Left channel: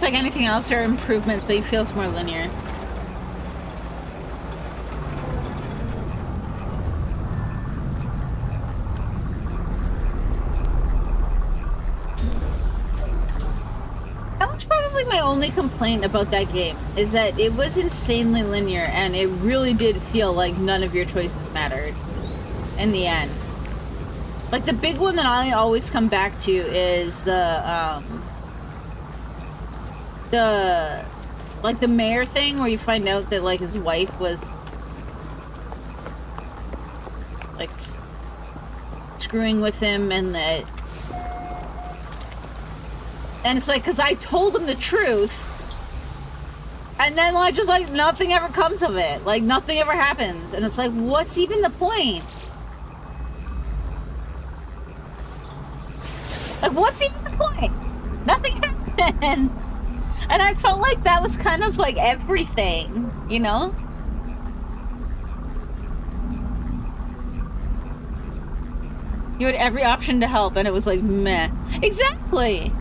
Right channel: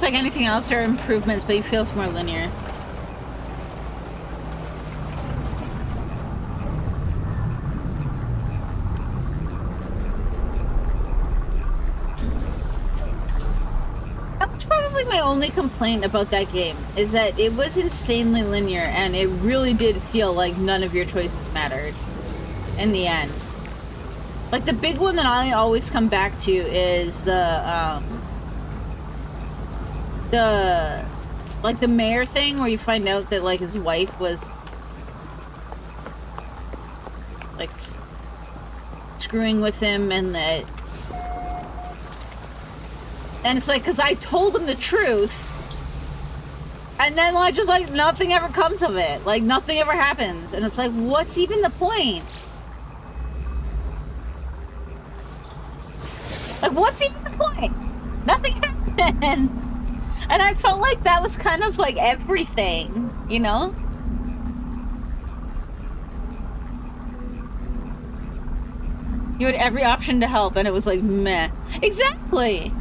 It's like anything else, there are improvements, but it feels more linear. That was probably my only complaint about that game, is that it was insanely linear, and it really did feel like none of your choices mattered in the end. Like, the big one that I always come back to is like, the mayor thing, where you find out that, like, his wife was, like, screwing with him, and that... And it's like, because I told him the truth, and then, like, just, like, nothing ever comes of it. Like, nothing ever happens. And it's like, what's even the point? Like, what's even the point? Nothing happened. And I felt like that was kind of, like, everything, you know? You had every option to help, and it was like, meh. Exactly!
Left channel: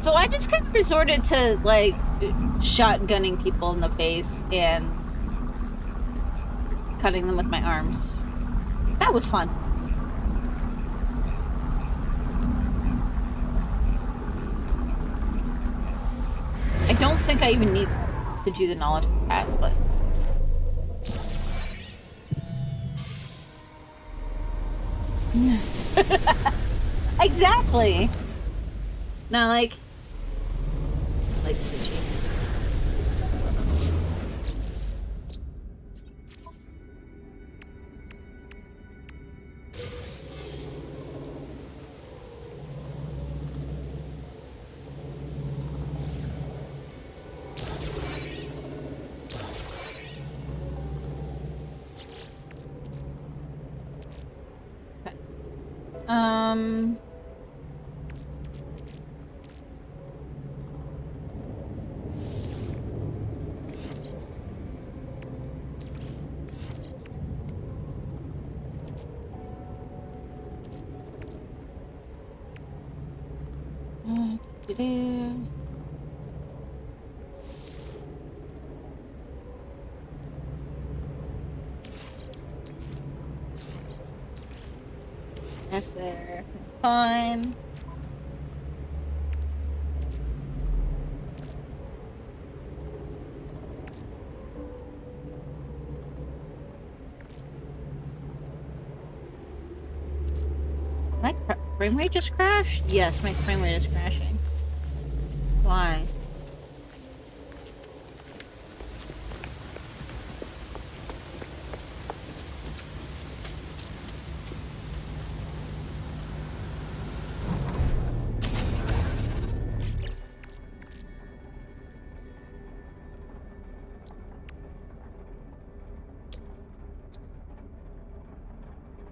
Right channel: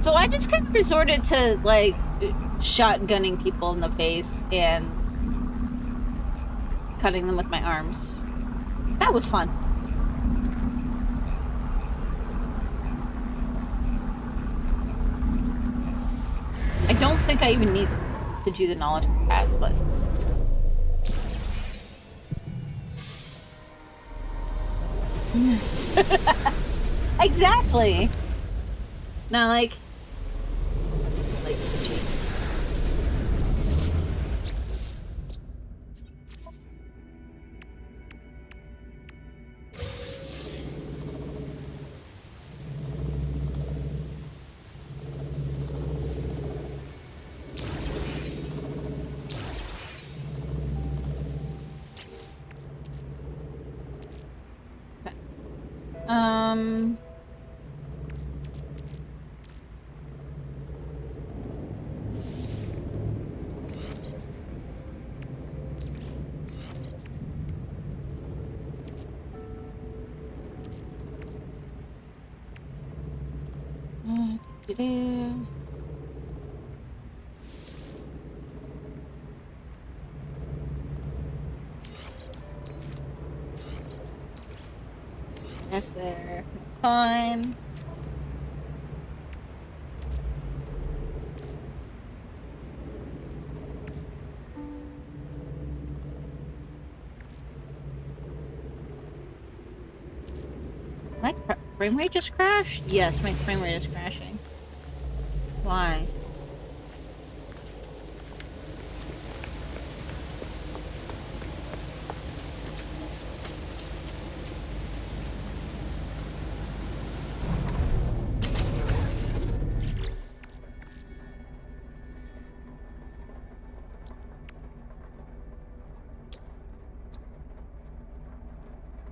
So I just kind of resorted to, like, shotgunning people in the face and cutting them with my arms. That was fun. I don't think I even need to do the knowledge of the past, but... Exactly! Now, like Suchi. Okay. That's there. It's fine. My frame rate just crashed? Yes, my frame rate is crashing. Why?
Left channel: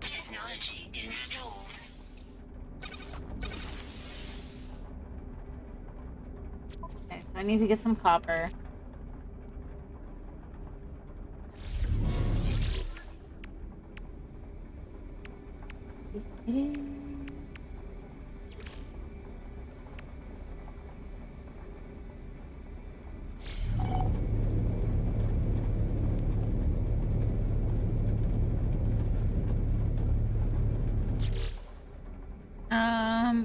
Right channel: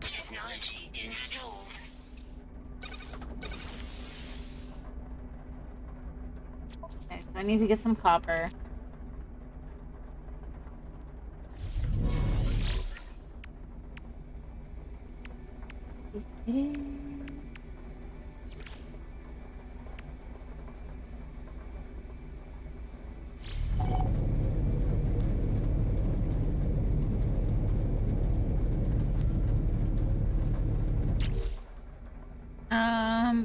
Technology installed. Okay, so I need to get some copper.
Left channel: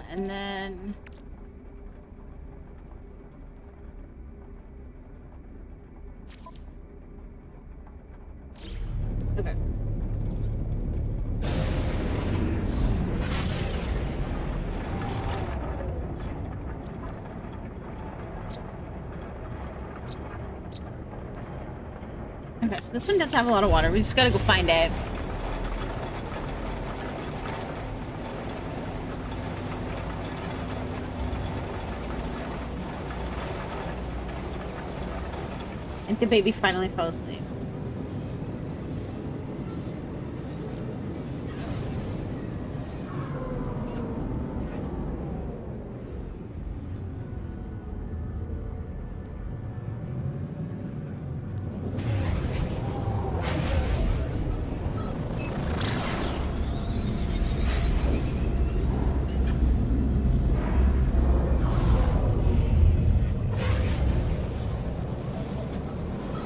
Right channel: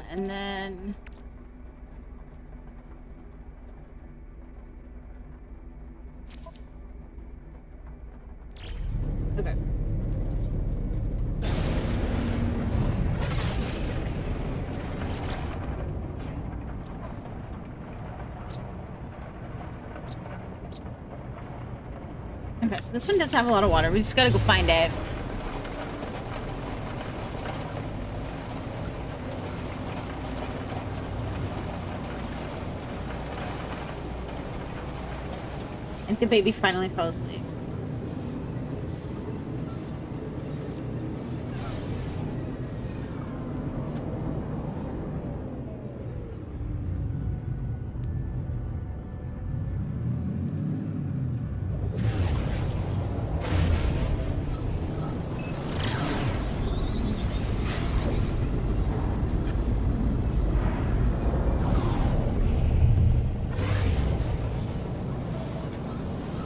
And then... Okay. Okay, so this one does have a lot of water. We just gotta go find it. I think the baby finally fell asleep.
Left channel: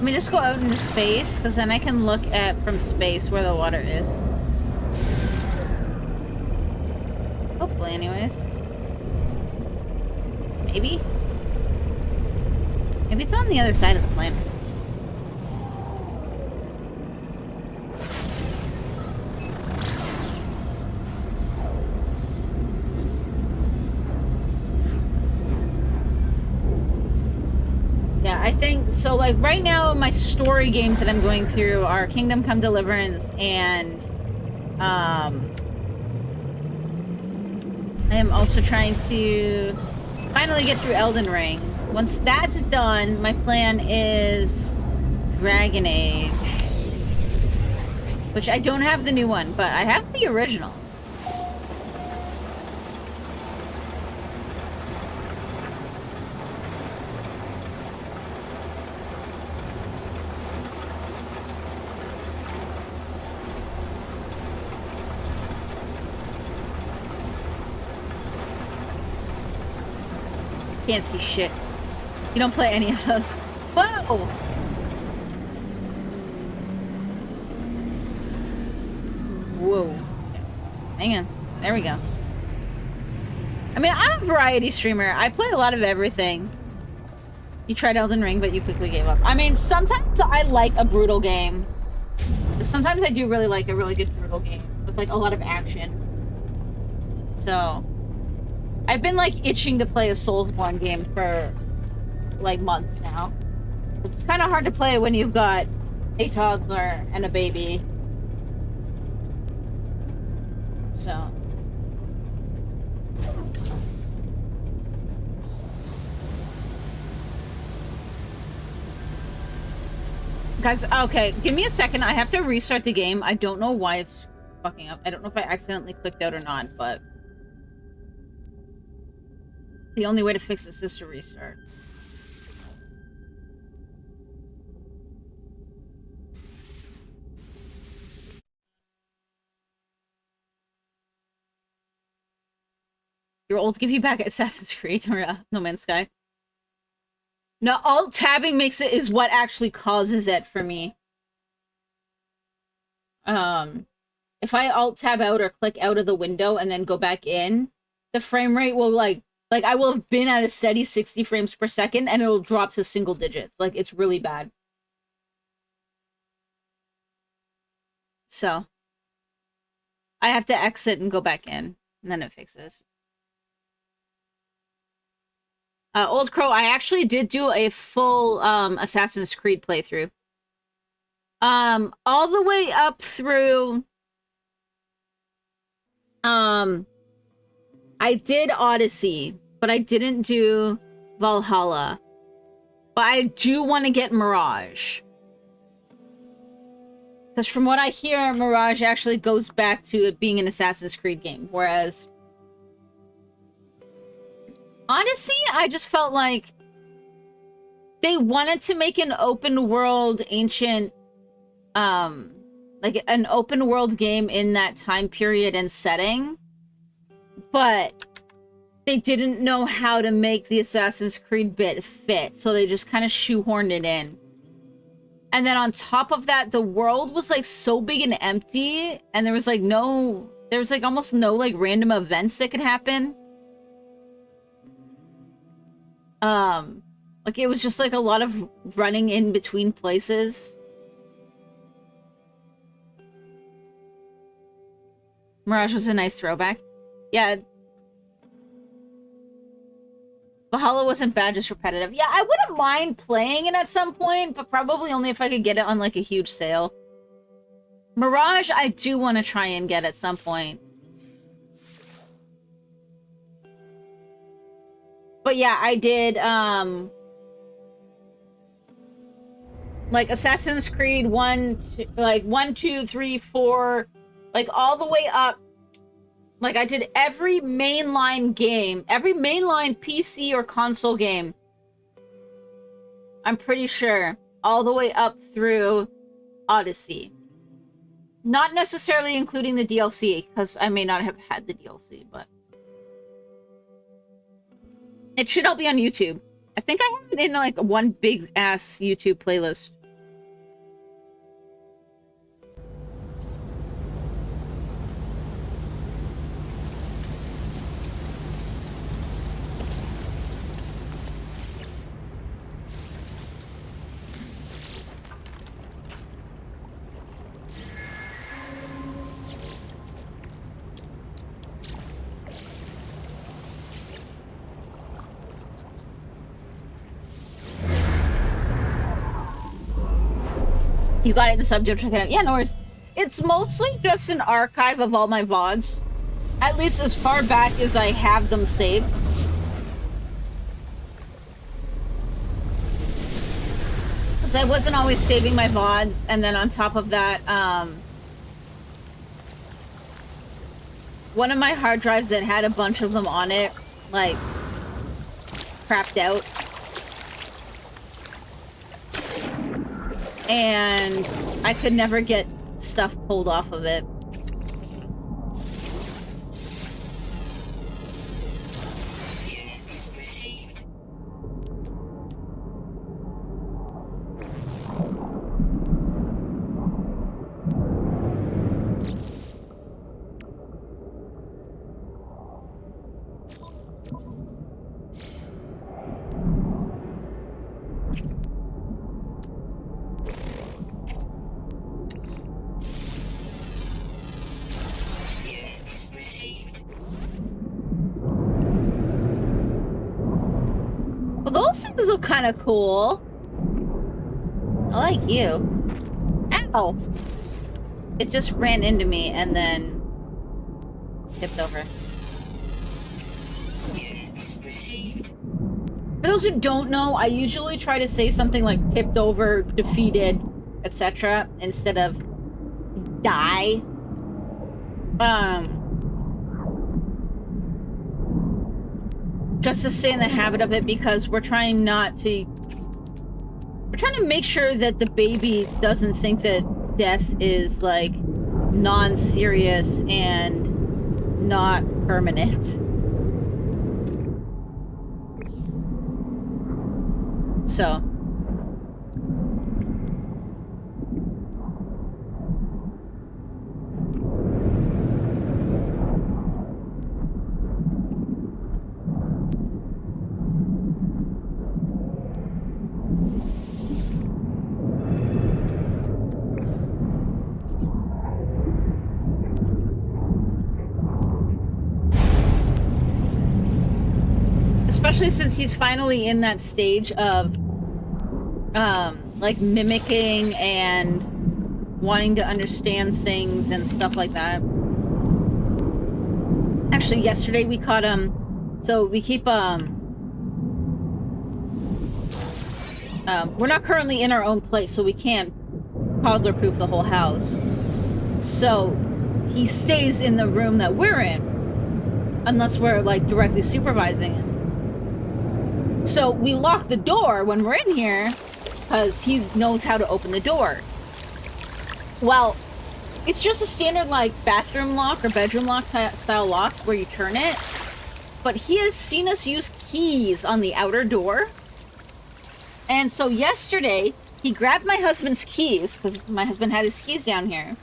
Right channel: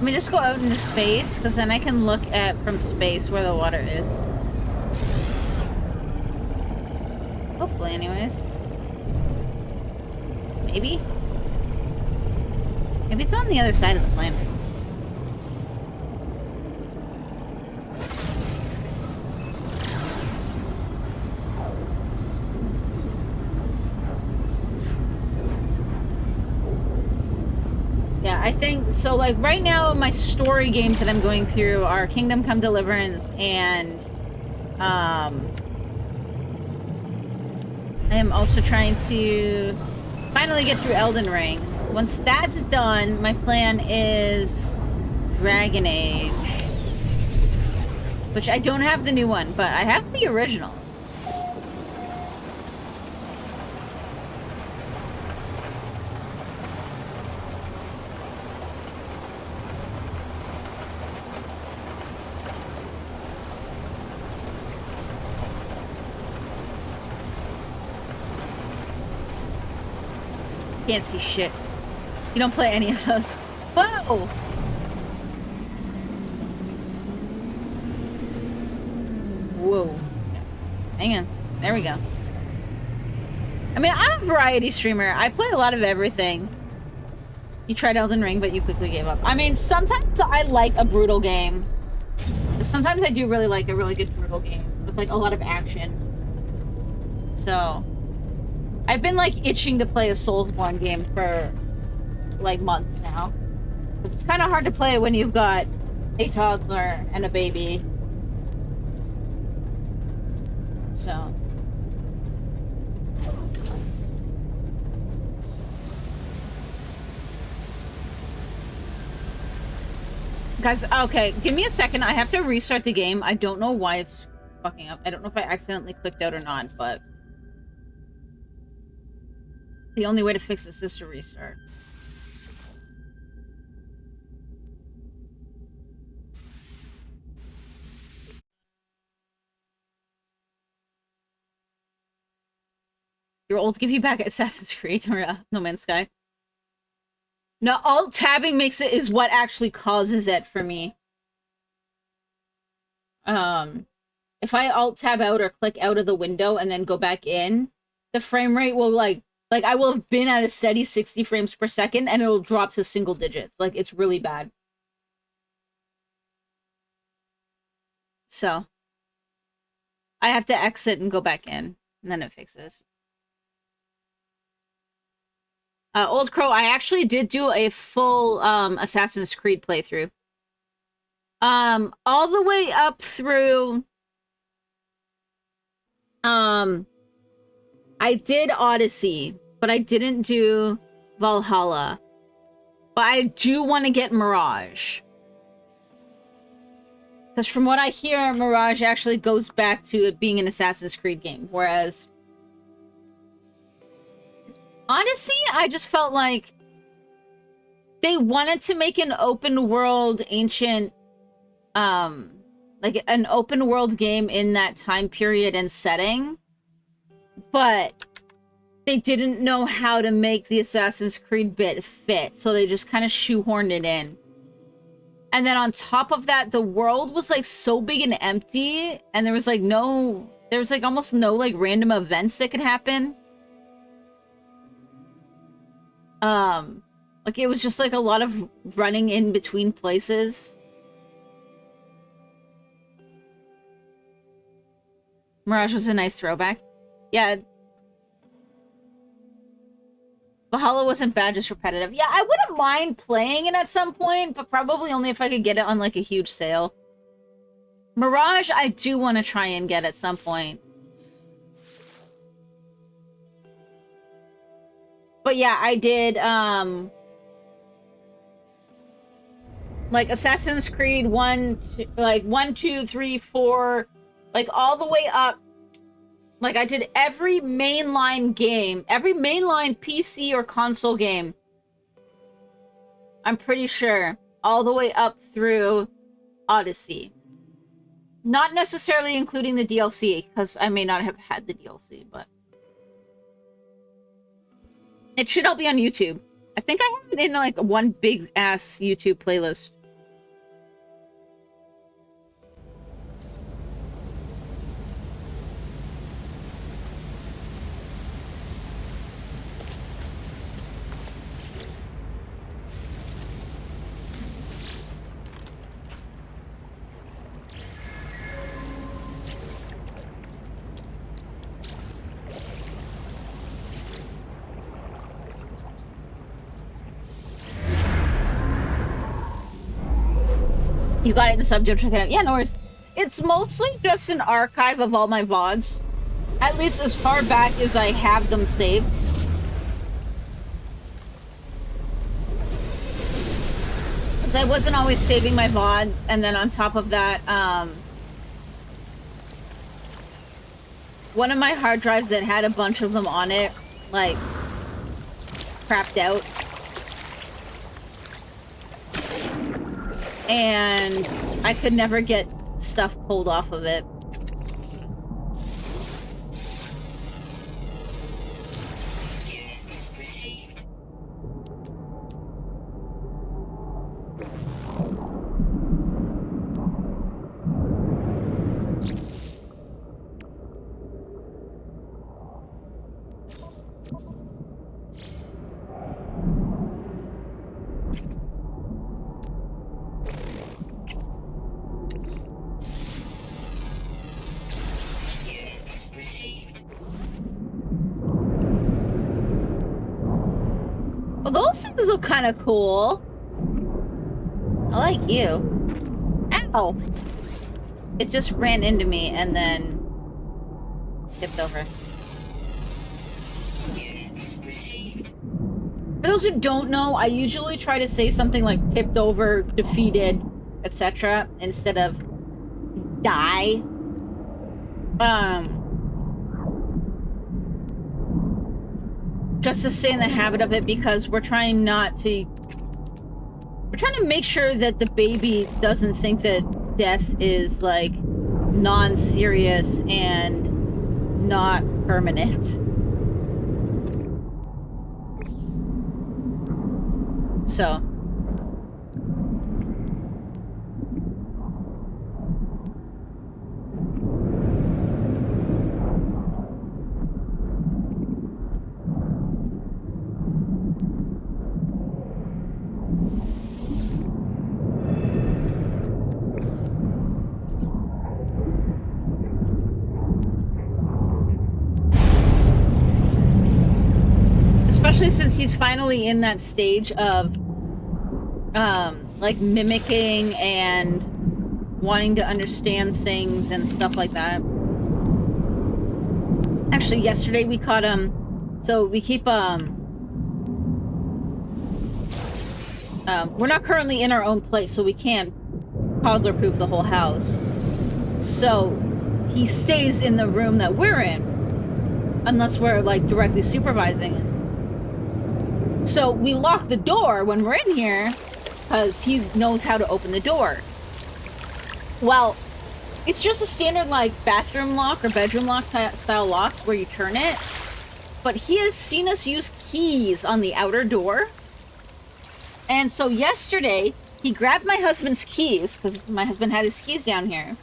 me just go out into space, because then I can look at from space where the water is. Hopefully, anyways. Maybe? Maybe it's on the other side of the planet. Yeah, I think so. Like right now, my story games that I'm going through are Kingdom Come Deliverance and I am also trying to finally get through Elden Ring. Once that's done, my plan is Dragon Age, which I don't have the new one, but I have the original. Can't see shit. You don't play any of those. Whoa! Whoa. Yeah. Hang on. There we go. I mean, I'm a variety streamer. I play a lot of everything. You tried Elden Ring, but you quickly gave up. I mean, sometimes I like a brutal game. Sometimes I do really like a really good brutal game with, like, a lot of action. So... I've been, like, itching to play a Soulsborne game for, like, months now. It's kind of hard to play when you've got a toddler and a baby. So... Guys, okay, give me a second. I have to restart the game. I don't know why it's fucking up. I don't know if I accidentally clicked out or not, but... The only way to fix this is to restart. Your old give you back Assassin's Creed or No Man's Sky. No, alt tabbing makes it is what actually causes it for me. If I alt tab out or click out of the window and then go back in, the frame rate will like I will have been at a steady 60 frames per second and it'll drop to single digits. Like, it's really bad. So, I have to exit and go back in, and then it fixes. Old Crow, I actually did do a full Assassin's Creed playthrough. All the way up through... I did Odyssey, but I didn't do Valhalla. But I do want to get Mirage. Because from what I hear, Mirage actually goes back to it being an Assassin's Creed game. Whereas Odyssey, I just felt like they wanted to make an open world ancient, like an open world game in that time period and setting. But they didn't know how to make the Assassin's Creed bit fit, so they just kind of shoehorned it in. And then on top of that, the world was like so big and empty, and there was like almost no like random events that could happen. Like it was just like a lot of running in between places. Mirage was a nice throwback. Yeah. Valhalla wasn't bad, just repetitive. Yeah, I wouldn't mind playing it at some point, but probably only if I could get it on, like, a huge sale. Mirage, I do want to try and get at some point. But yeah, I did, like, Assassin's Creed 1, 2, 3, 4, like, all the way up. Like, I did every mainline game, every mainline PC or console game. I'm pretty sure. All the way up through Odyssey. Not necessarily including the DLC, because I may not have had the DLC, but... It should all be on YouTube. I think I have it in, like, one big-ass YouTube playlist. You got it in the subject. Check it out. Yeah, no worries. It's mostly just an archive of all my VODs. At least as far back as I have them saved. Because I wasn't always saving my VODs, and then on top of that, one of my hard drives that had a bunch of them on it, like, crapped out. And I could never get stuff pulled off of it. Well, those things look kind of cool. I like you. Ow! It just ran into me and then tipped over. For those who don't know, I usually try to say something like tipped over, defeated, etc. instead of die. Just to stay in the habit of it, because we're trying to make sure that the baby doesn't think that death is like non-serious and not permanent. So especially since he's finally in that stage of like mimicking and wanting to understand things and stuff like that. Actually, yesterday we caught him. So we keep we're not currently in our own place, so we can't toddler proof the whole house. So he stays in the room that we're in unless we're like directly supervising him. So we lock the door when we're in here because he knows how to open the door. Well, it's just a standard like bathroom lock or bedroom lock style locks where you turn it. But he has seen us use keys on the outer door. And so yesterday, he grabbed my husband's keys, because my husband had his keys down here,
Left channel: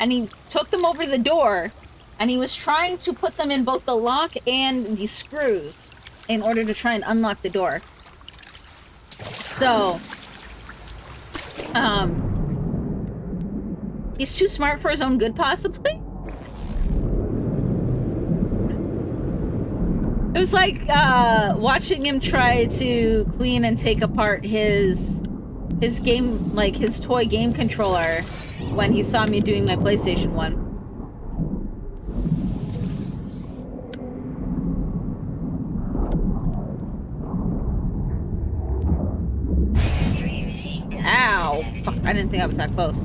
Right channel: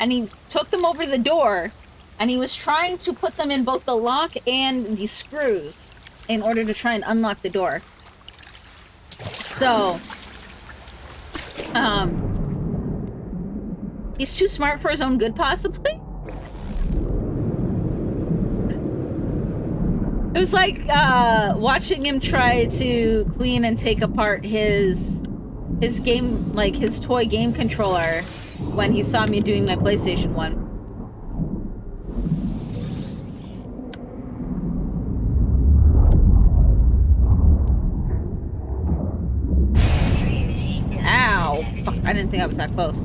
and he took them over the door, and he was trying to put them in both the lock and the screws in order to try and unlock the door. So, he's too smart for his own good, possibly? It was like, watching him try to clean and take apart his game, like, his toy game controller when he saw me doing my PlayStation 1. Ow! Fuck, I didn't think I was that close.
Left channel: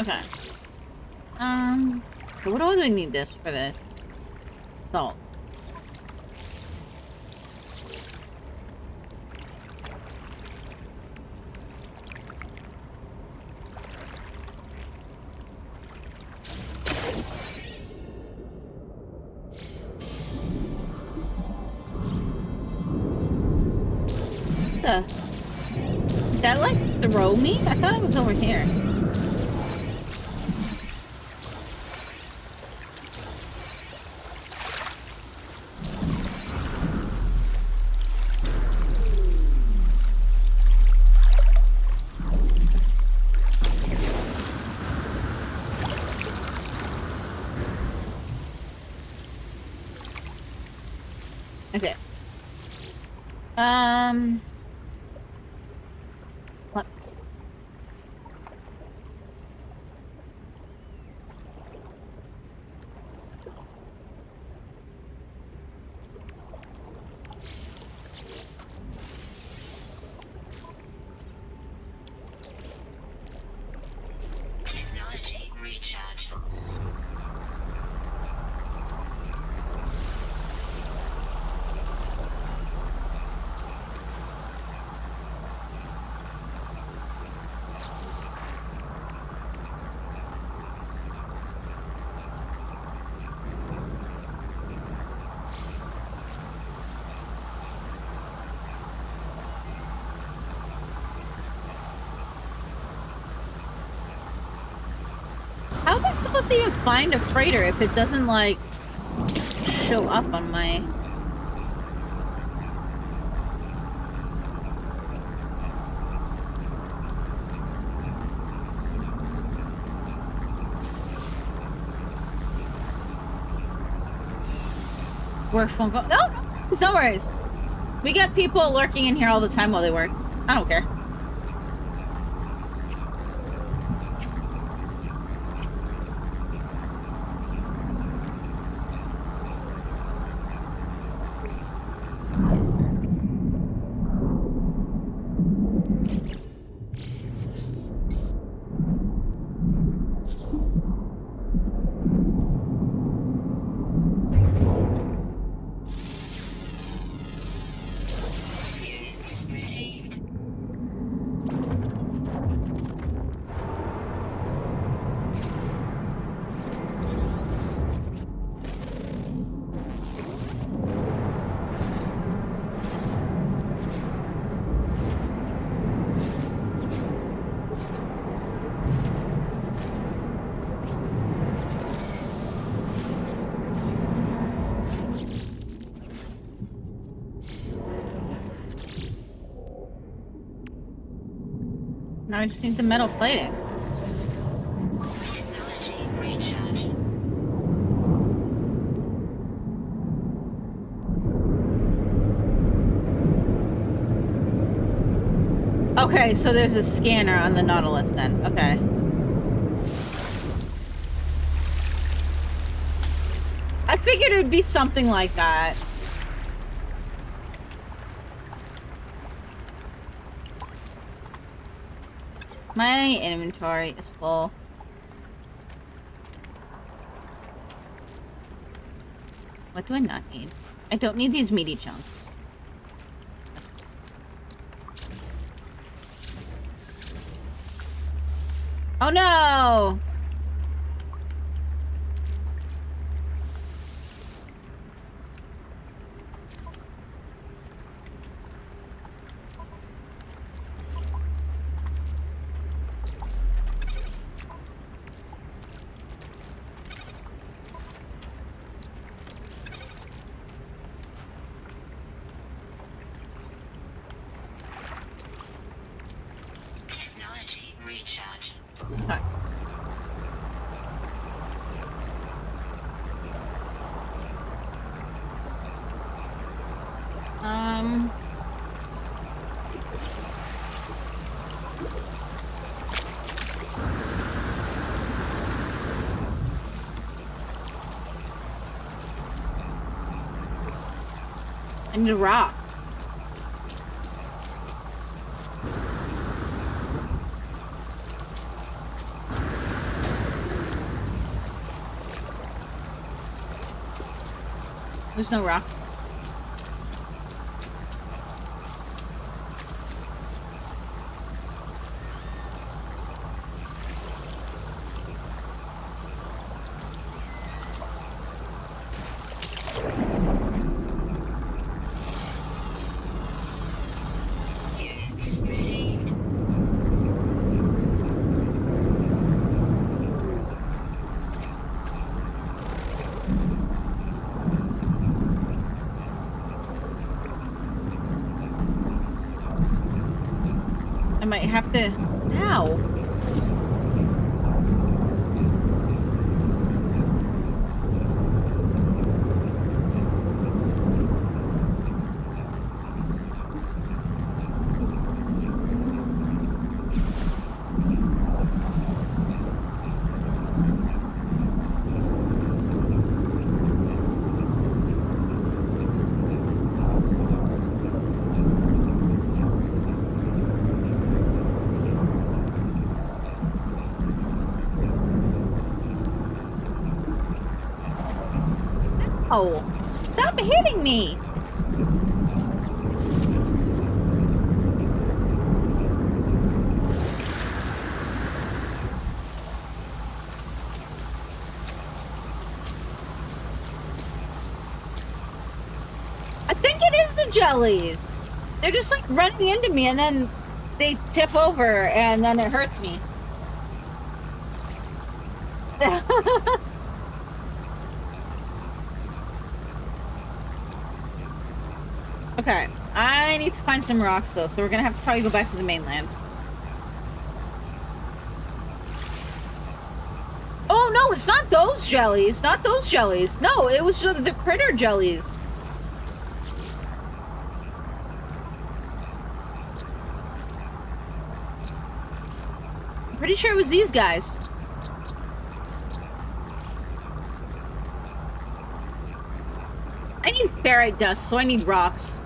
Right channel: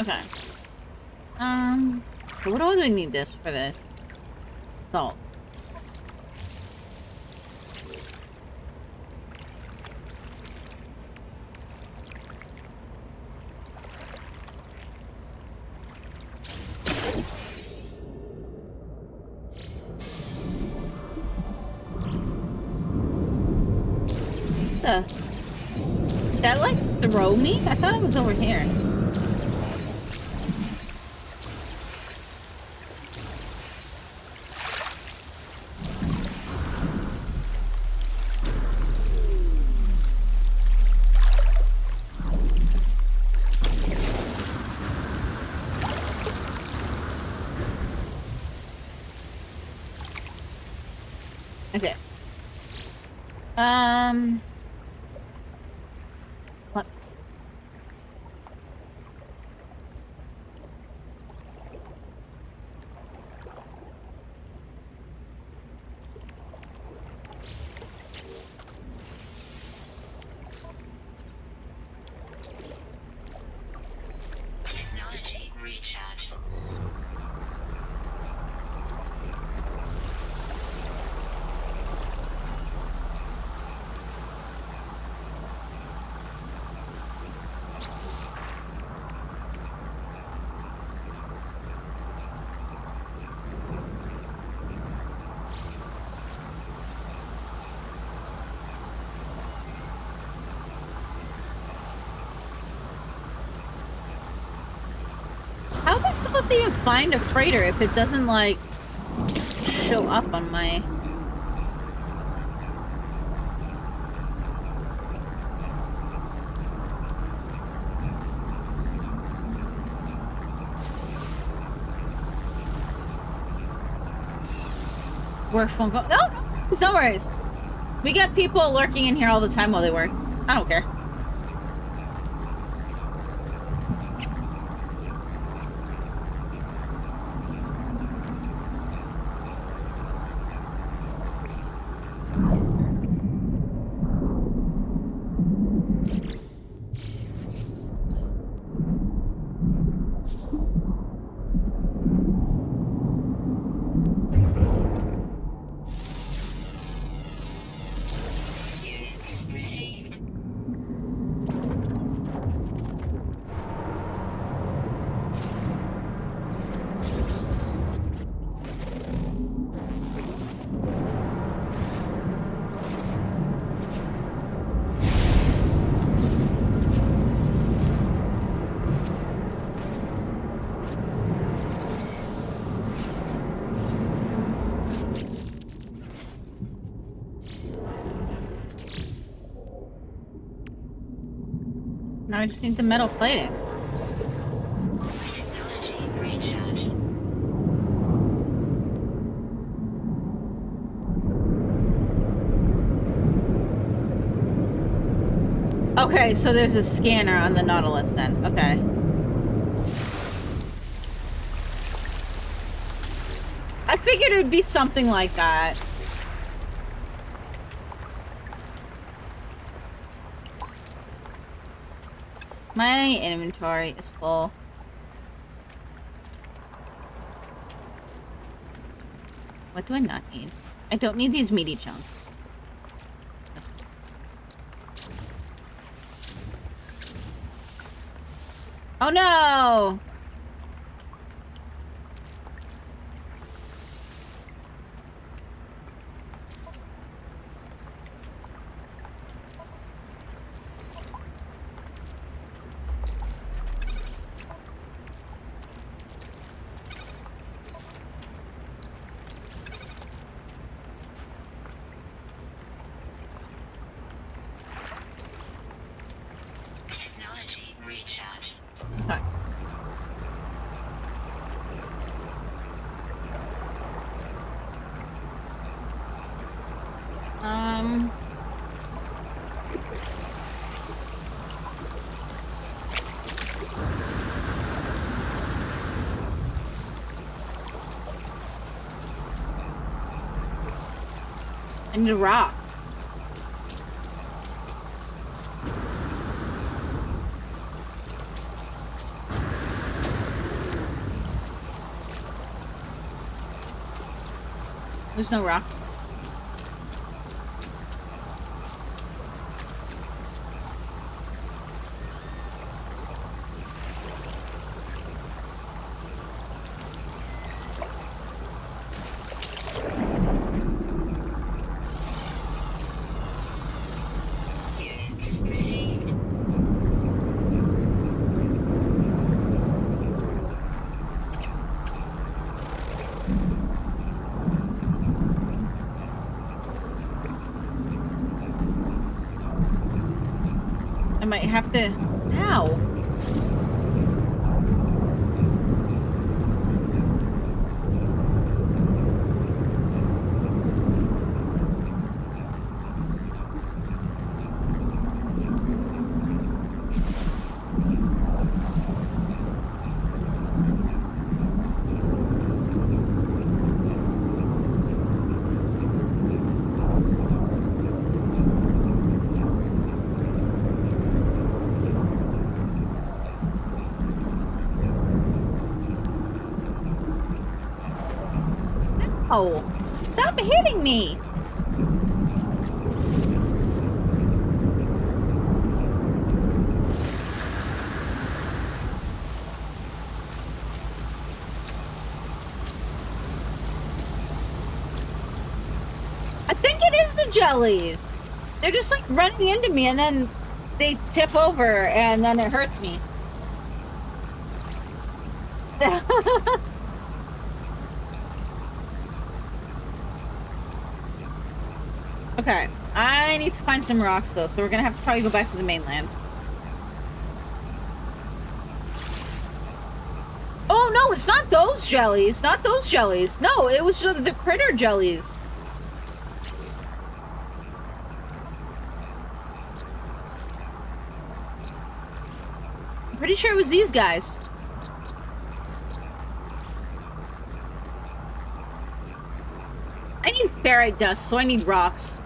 Okay. So what do I need this for this? Salt. throw me? I thought it was over here. Okay. Let me see. Technology recharge. How am I supposed to even find a freighter if it doesn't, like, show up on my... Work phone call? No, it's no worries. We get people lurking in here all the time while they work. I don't care. Received. Now I just need the metal plating. Technology recharge. Okay, so there's a scanner on the Nautilus then. Okay. I figured it would be something like that. My inventory is full. What do I not need? I don't need these meaty chunks. Oh no! Technology recharge. Sorry. I need a rock. There's no rocks. Units received. might have to... Ow. Oh, stop hitting me! I think it is the jellies. They're just like running into me and then they tip over and then it hurts me. Okay, I need to find some rocks though, so we're gonna have to probably go back to the mainland. Oh no, it's not those jellies, not those jellies. No, it was the critter jellies. I'm pretty sure it was these guys. I need ferrite dust, so I need rocks.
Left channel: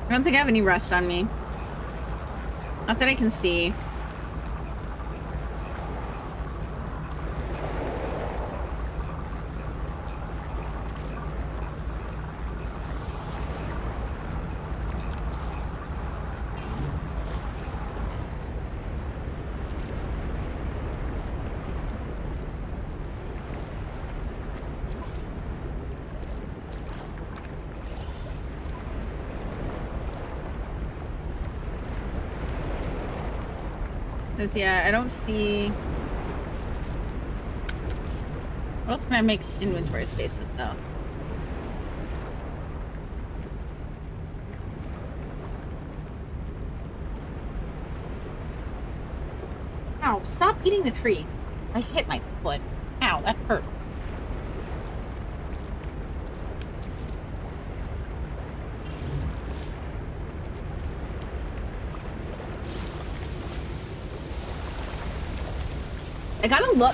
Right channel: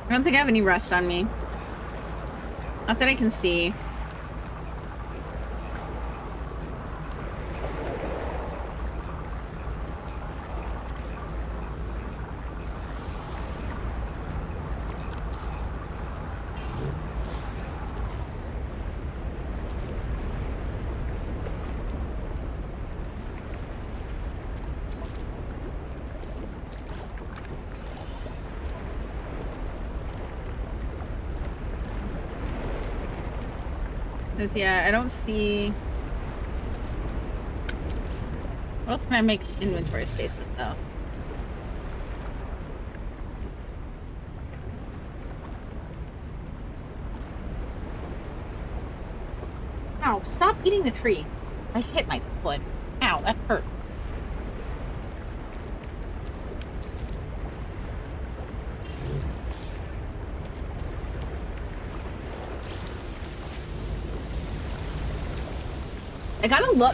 I don't think I have any rust on me. Not that I can see. Because, yeah, I don't see... What else can I make inventory space with, though? Ow, stop eating the tree. I hit my foot. Ow, that hurt.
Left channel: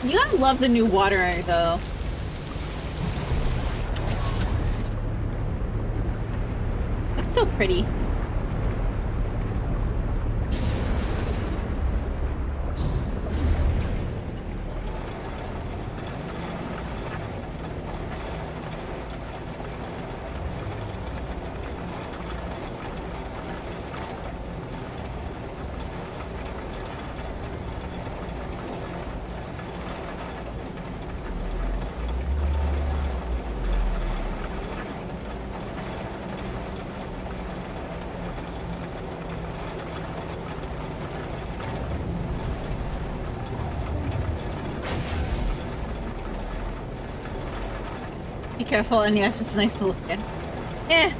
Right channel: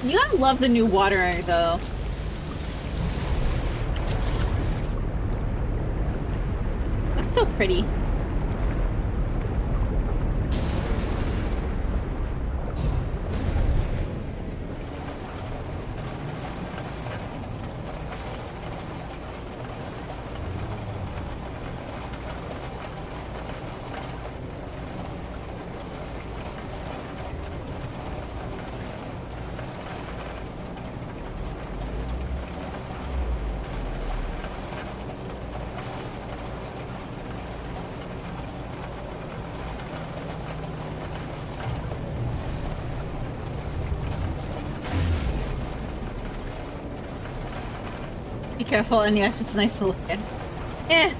You gotta love the new water, though. That's so pretty. Be careful, and yes, it's nice to look at. Eh.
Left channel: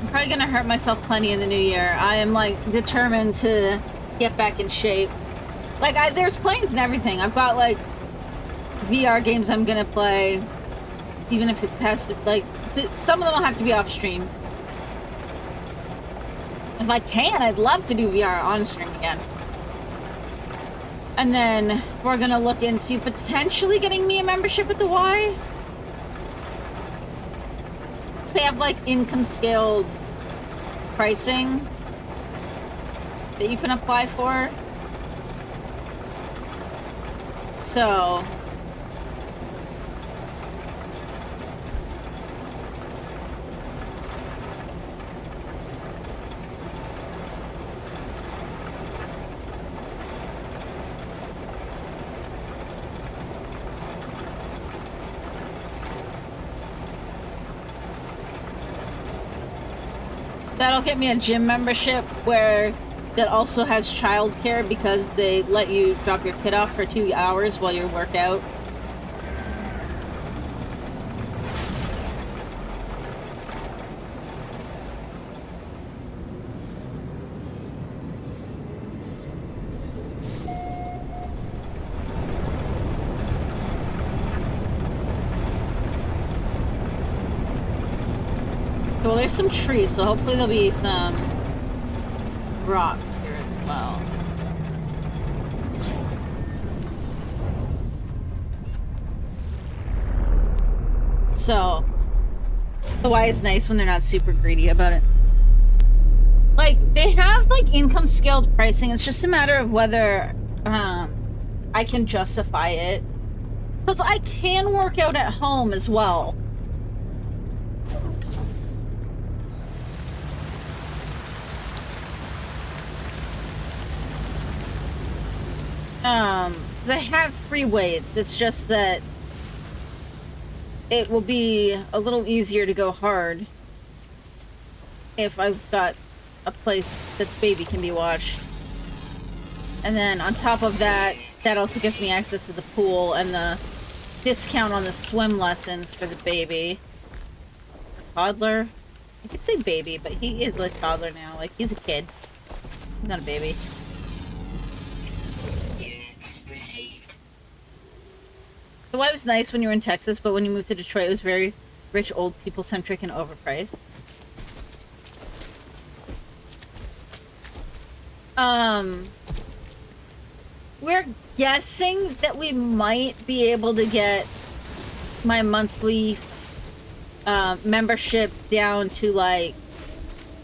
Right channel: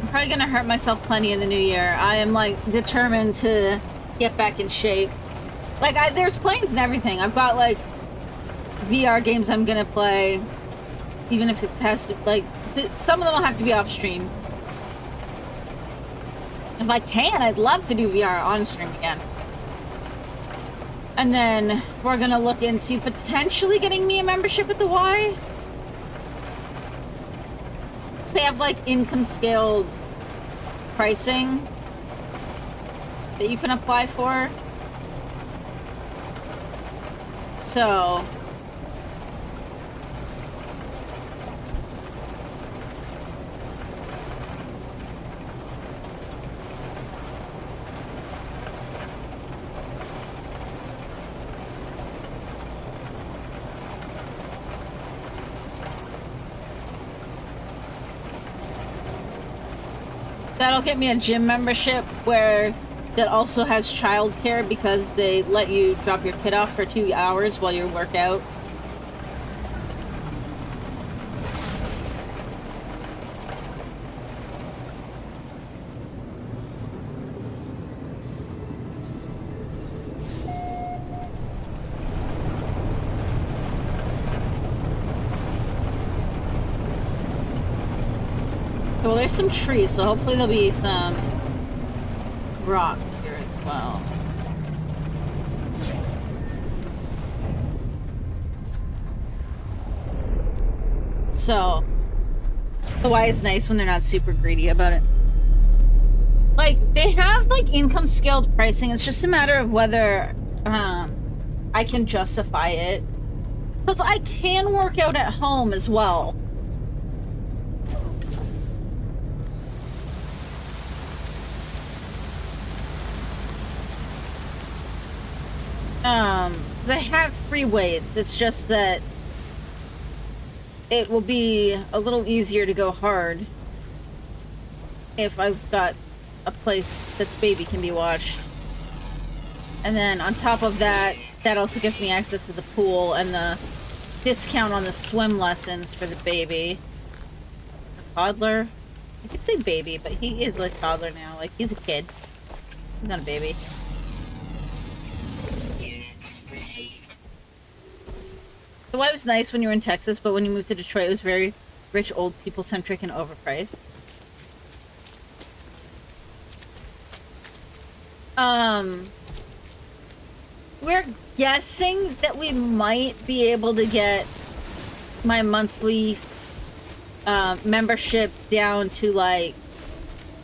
I'm probably gonna hurt myself plenty in the new year. I am, like, determined to get back in shape. Like, there's plans and everything. I've got, like, VR games I'm gonna play. Even if it has to, like, some of them will have to be off stream. If I can, I'd love to do VR on stream again. And then we're gonna look into potentially getting me a membership at the Y. They have like income scaled pricing that you can apply for. So That'll get me a gym membership where that also has childcare because they let you drop your kid off for 2 hours while you work out. Well, there's some trees, so hopefully there'll be some rocks here as well. So, Hawaii is nice when they're not super greedy about it. Like, they have, like, income scaled pricing. It's just a matter of whether, I can justify it. Because I can work out at home as well. Because I have free weights. It's just that it will be a little easier to go hard if I've got a place that the baby can be watched. And then on top of that, that also gives me access to the pool and the discount on the swim lessons for the baby. The toddler. I keep saying baby, but he is like toddler now. Like, he's a kid. He's not a baby. Hawaii was nice when you were in Texas, but when you moved to Detroit, it was very rich, old people centric and overpriced. We're guessing that we might be able to get my monthly membership down to like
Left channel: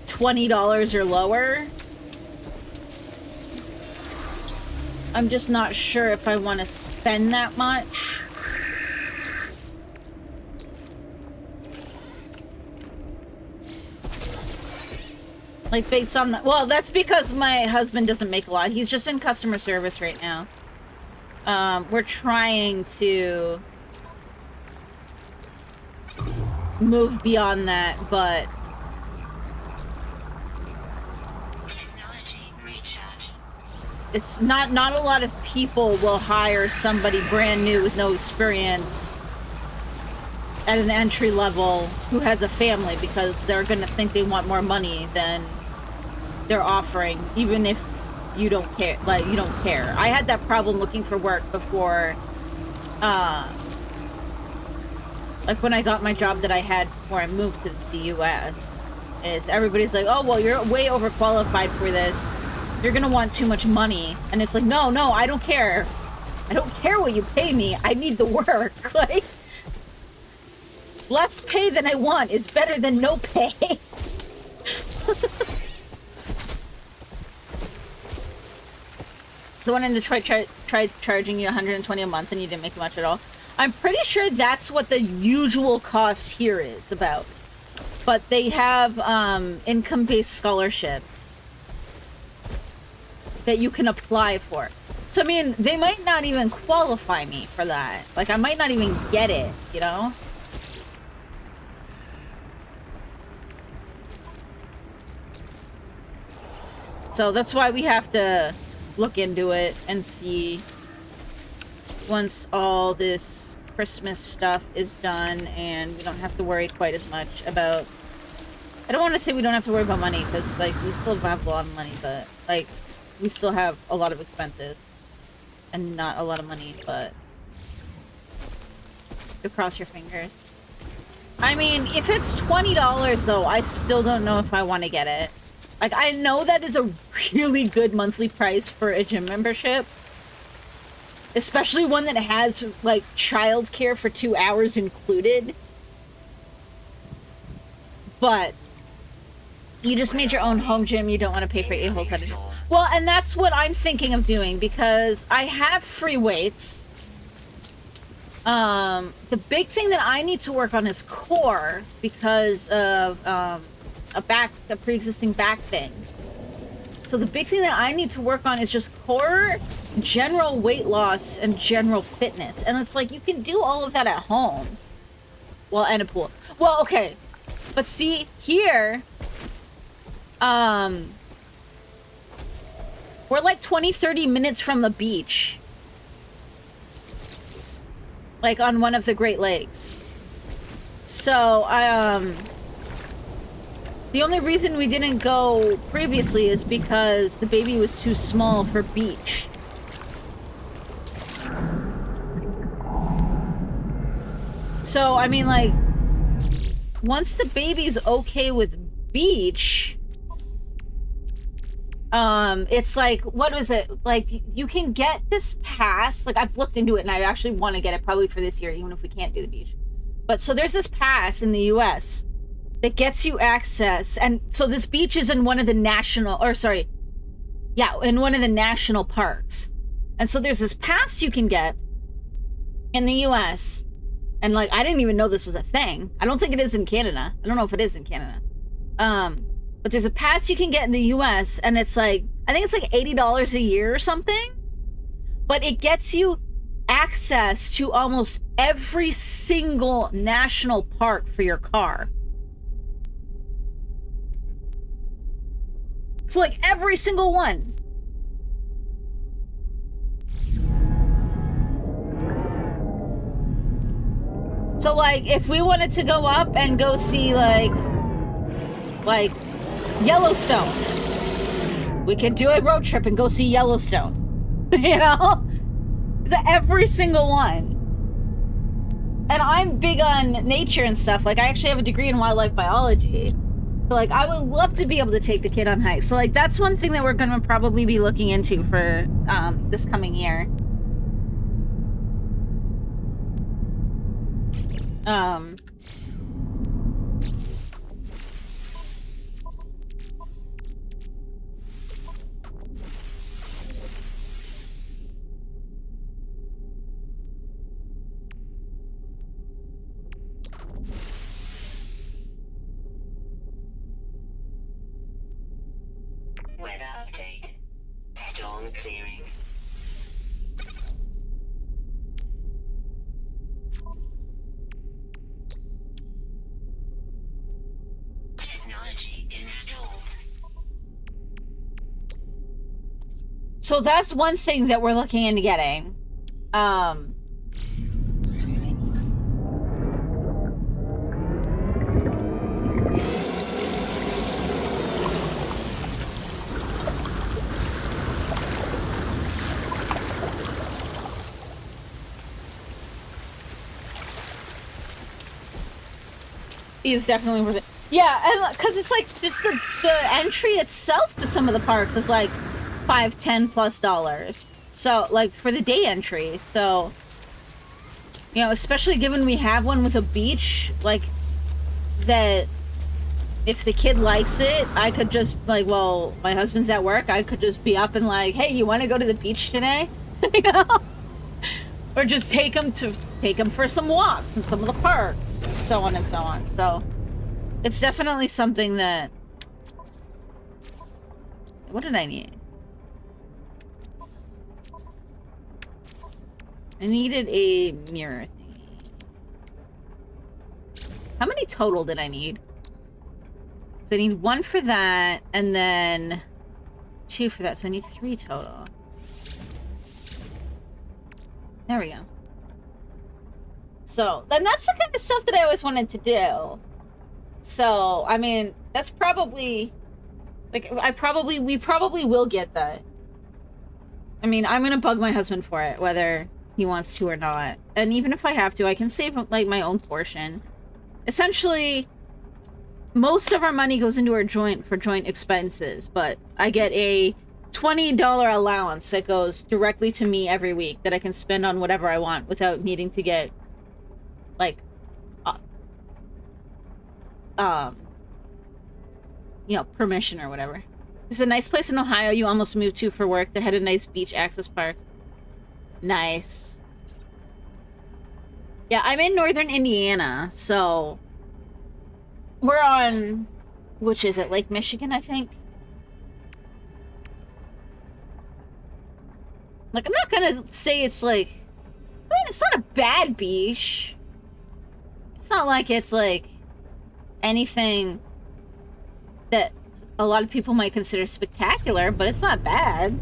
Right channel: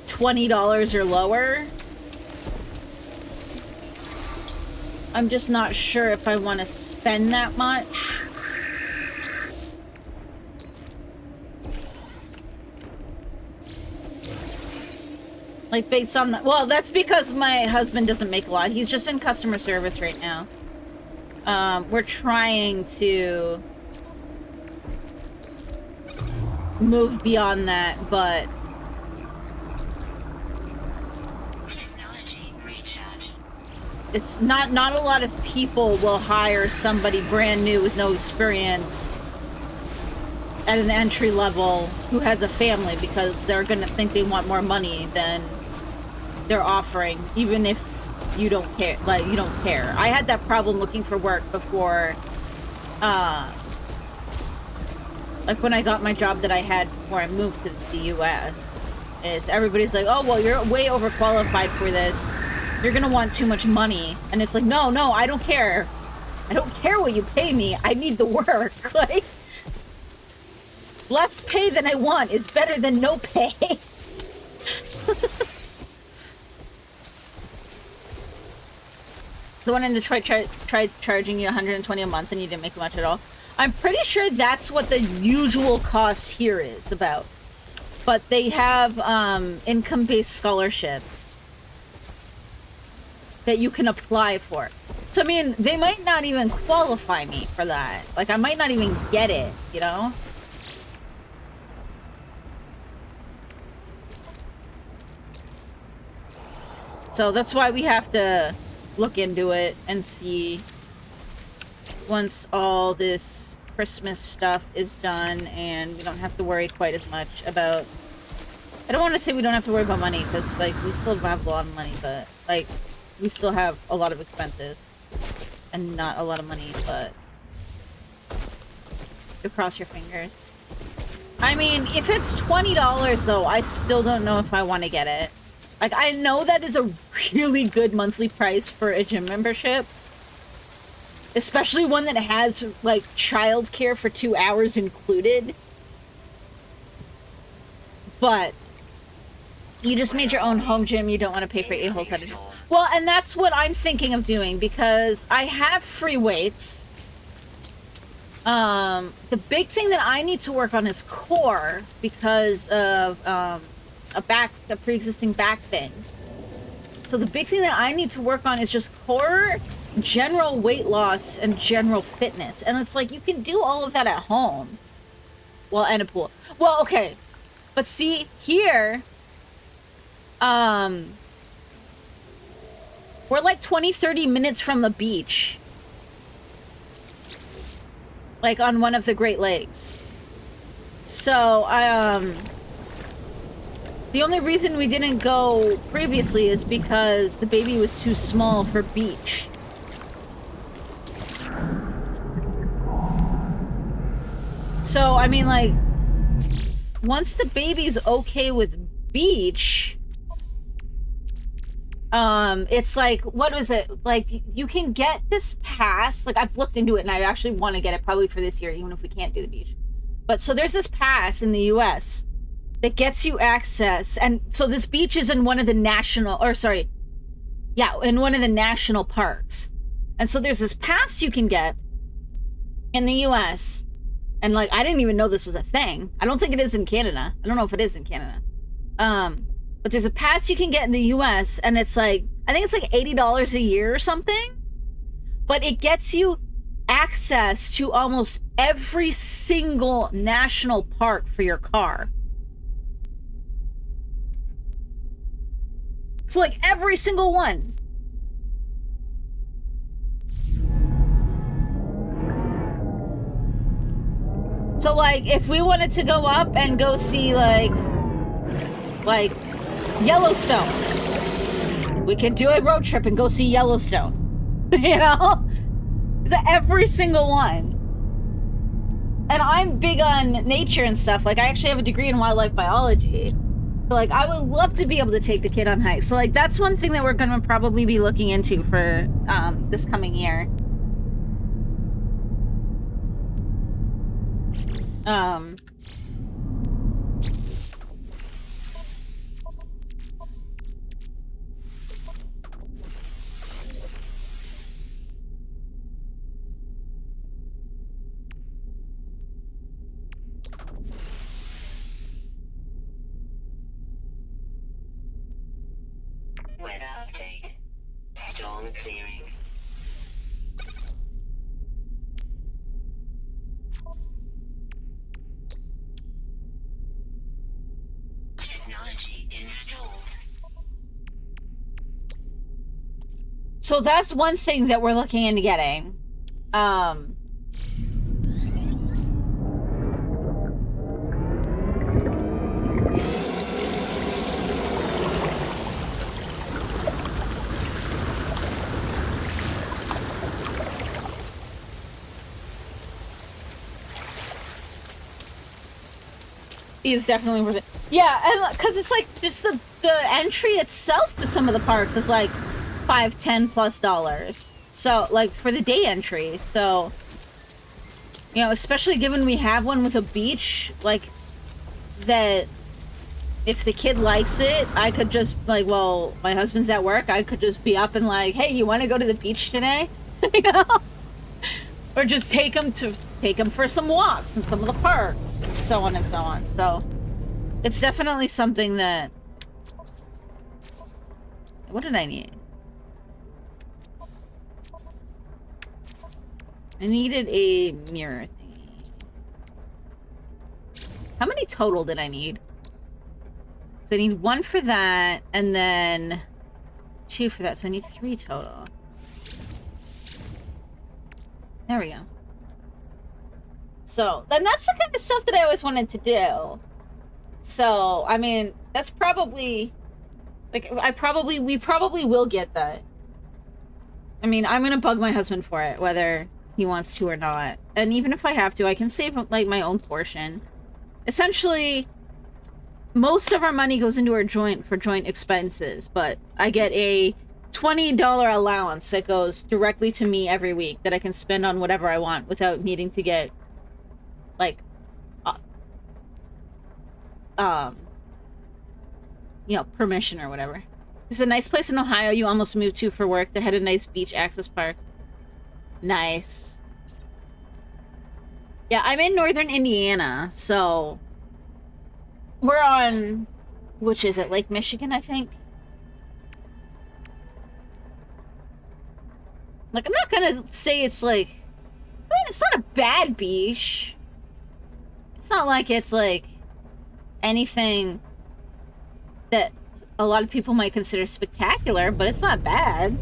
$20 or lower. I'm just not sure if I want to spend that much. Like, based on... Well, that's because my husband doesn't make a lot. He's just in customer service right now. We're trying to move beyond that, but... It's not a lot of people will hire somebody brand new with no experience at an entry level who has a family because they're gonna think they want more money than they're offering, even if you don't care. Like, you don't care. I had that problem looking for work before, like when I got my job that I had before I moved to the US, is everybody's like, oh, well, you're way overqualified for this. You're gonna want too much money. And it's like, no, I don't care. I don't care what you pay me. I need the work. Like, less pay than I want is better than no pay. The one in Detroit tried charging you $120 a month and you didn't make much at all. I'm pretty sure that's what the usual cost here is about. But they have income-based scholarships that you can apply for. So, I mean, they might not even qualify me for that. Like, I might not even get it, you know? So that's why we have to look into it and see once all this Christmas stuff is done and we don't have to worry quite as much about... I don't want to say we don't have to worry about money, because, like, we still have a lot of money, but, like, we still have a lot of expenses and not a lot of money, but you cross your fingers. I mean, if it's $20 though, I still don't know if I want to get it. Like, I know that is a really good monthly price for a gym membership. Especially one that has, like, childcare for 2 hours included. But you just made your own home gym. You don't want to pay for a-holes at a gym. Well, and that's what I'm thinking of doing, because I have free weights. The big thing that I need to work on is core, because of, a pre-existing back thing. So the big thing that I need to work on is just core, general weight loss, and general fitness. And it's like, you can do all of that at home. Well, and a pool. Well, okay. But see, here, Um, we're like 20, 30 minutes from the beach. Like on one of the Great Lakes. So, the only reason we didn't go previously is because the baby was too small for beach. So, I mean, like, once the baby's okay with beach, it's like, what was it? Like, you can get this pass. Like, I've looked into it and I actually want to get it probably for this year, even if we can't do the beach. But so there's this pass in the US that gets you access. And so this beach is in one of the national, or sorry, yeah, in one of the national parks. And so there's this pass you can get in the US. And like, I didn't even know this was a thing. I don't think it is in Canada. I don't know if it is in Canada. But there's a pass you can get in the US, and it's like, I think it's like $80 a year or something. But it gets you access to almost every single national park for your car. So like every single one. So like if we wanted to go up and go see like Yellowstone, we could do a road trip and go see Yellowstone. You know? It's every single one. And I'm big on nature and stuff. Like, I actually have a degree in wildlife biology. So, like, I would love to be able to take the kid on hikes. So, like, that's one thing that we're going to probably be looking into for this coming year. Weather update. Storm clearing. Technology installed. So that's one thing that we're looking into getting. Is definitely worth it. Yeah, and because it's like just the entry itself to some of the parks is like $5-10+. So like for the day entry. So you know, especially given we have one with a beach, like that if the kid likes it, I could just like, well, my husband's at work, I could just be up and like, hey, you want to go to the beach today? You know? Or just take them for some walks in some of the parks, so on and so on. So it's definitely something that. What did I need? I needed a mirror thingy. How many total did I need? So I need 1 for that, and then 2 for that. So I need 3 total. There we go. So, then that's the kind of stuff that I always wanted to do. So, I mean, that's probably... Like, we probably will get that. I mean, I'm gonna bug my husband for it, whether he wants to or not. And even if I have to, I can save, like, my own portion. Essentially, most of our money goes into our joint expenses, but I get a $20 allowance that goes directly to me every week that I can spend on whatever I want without needing to get, like, you know, permission or whatever. It's a nice place in Ohio you almost moved to for work that had a nice beach access park. Nice. Yeah, I'm in northern Indiana, so we're on, which is it, Lake Michigan, I think? Like, I'm not gonna say it's like, I mean, it's not a bad beach. It's not like it's like anything that a lot of people might consider spectacular, but it's not bad.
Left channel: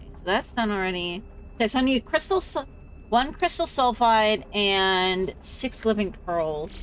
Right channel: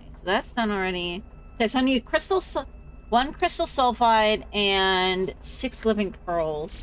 Okay, so that's done already. Okay, so I need one crystal sulfide and 6 living pearls.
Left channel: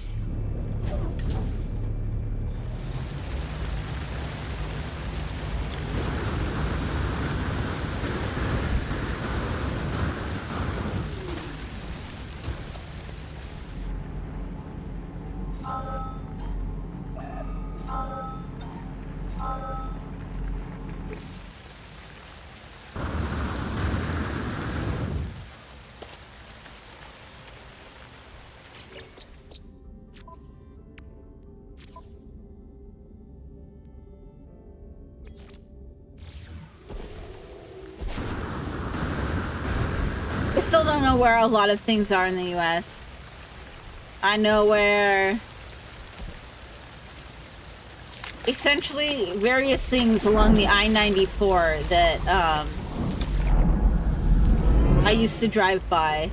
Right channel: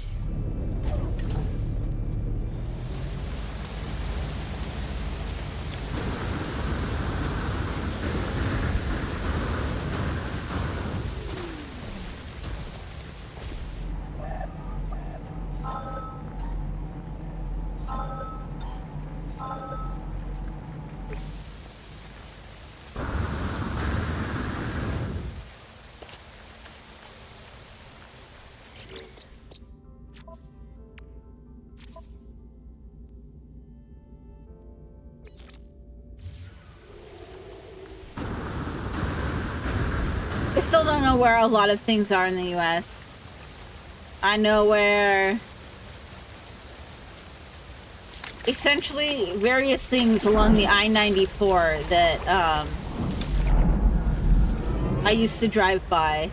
I still don't know where a lot of things are in the US. I know where essentially various things along the I-94 that I used to drive by.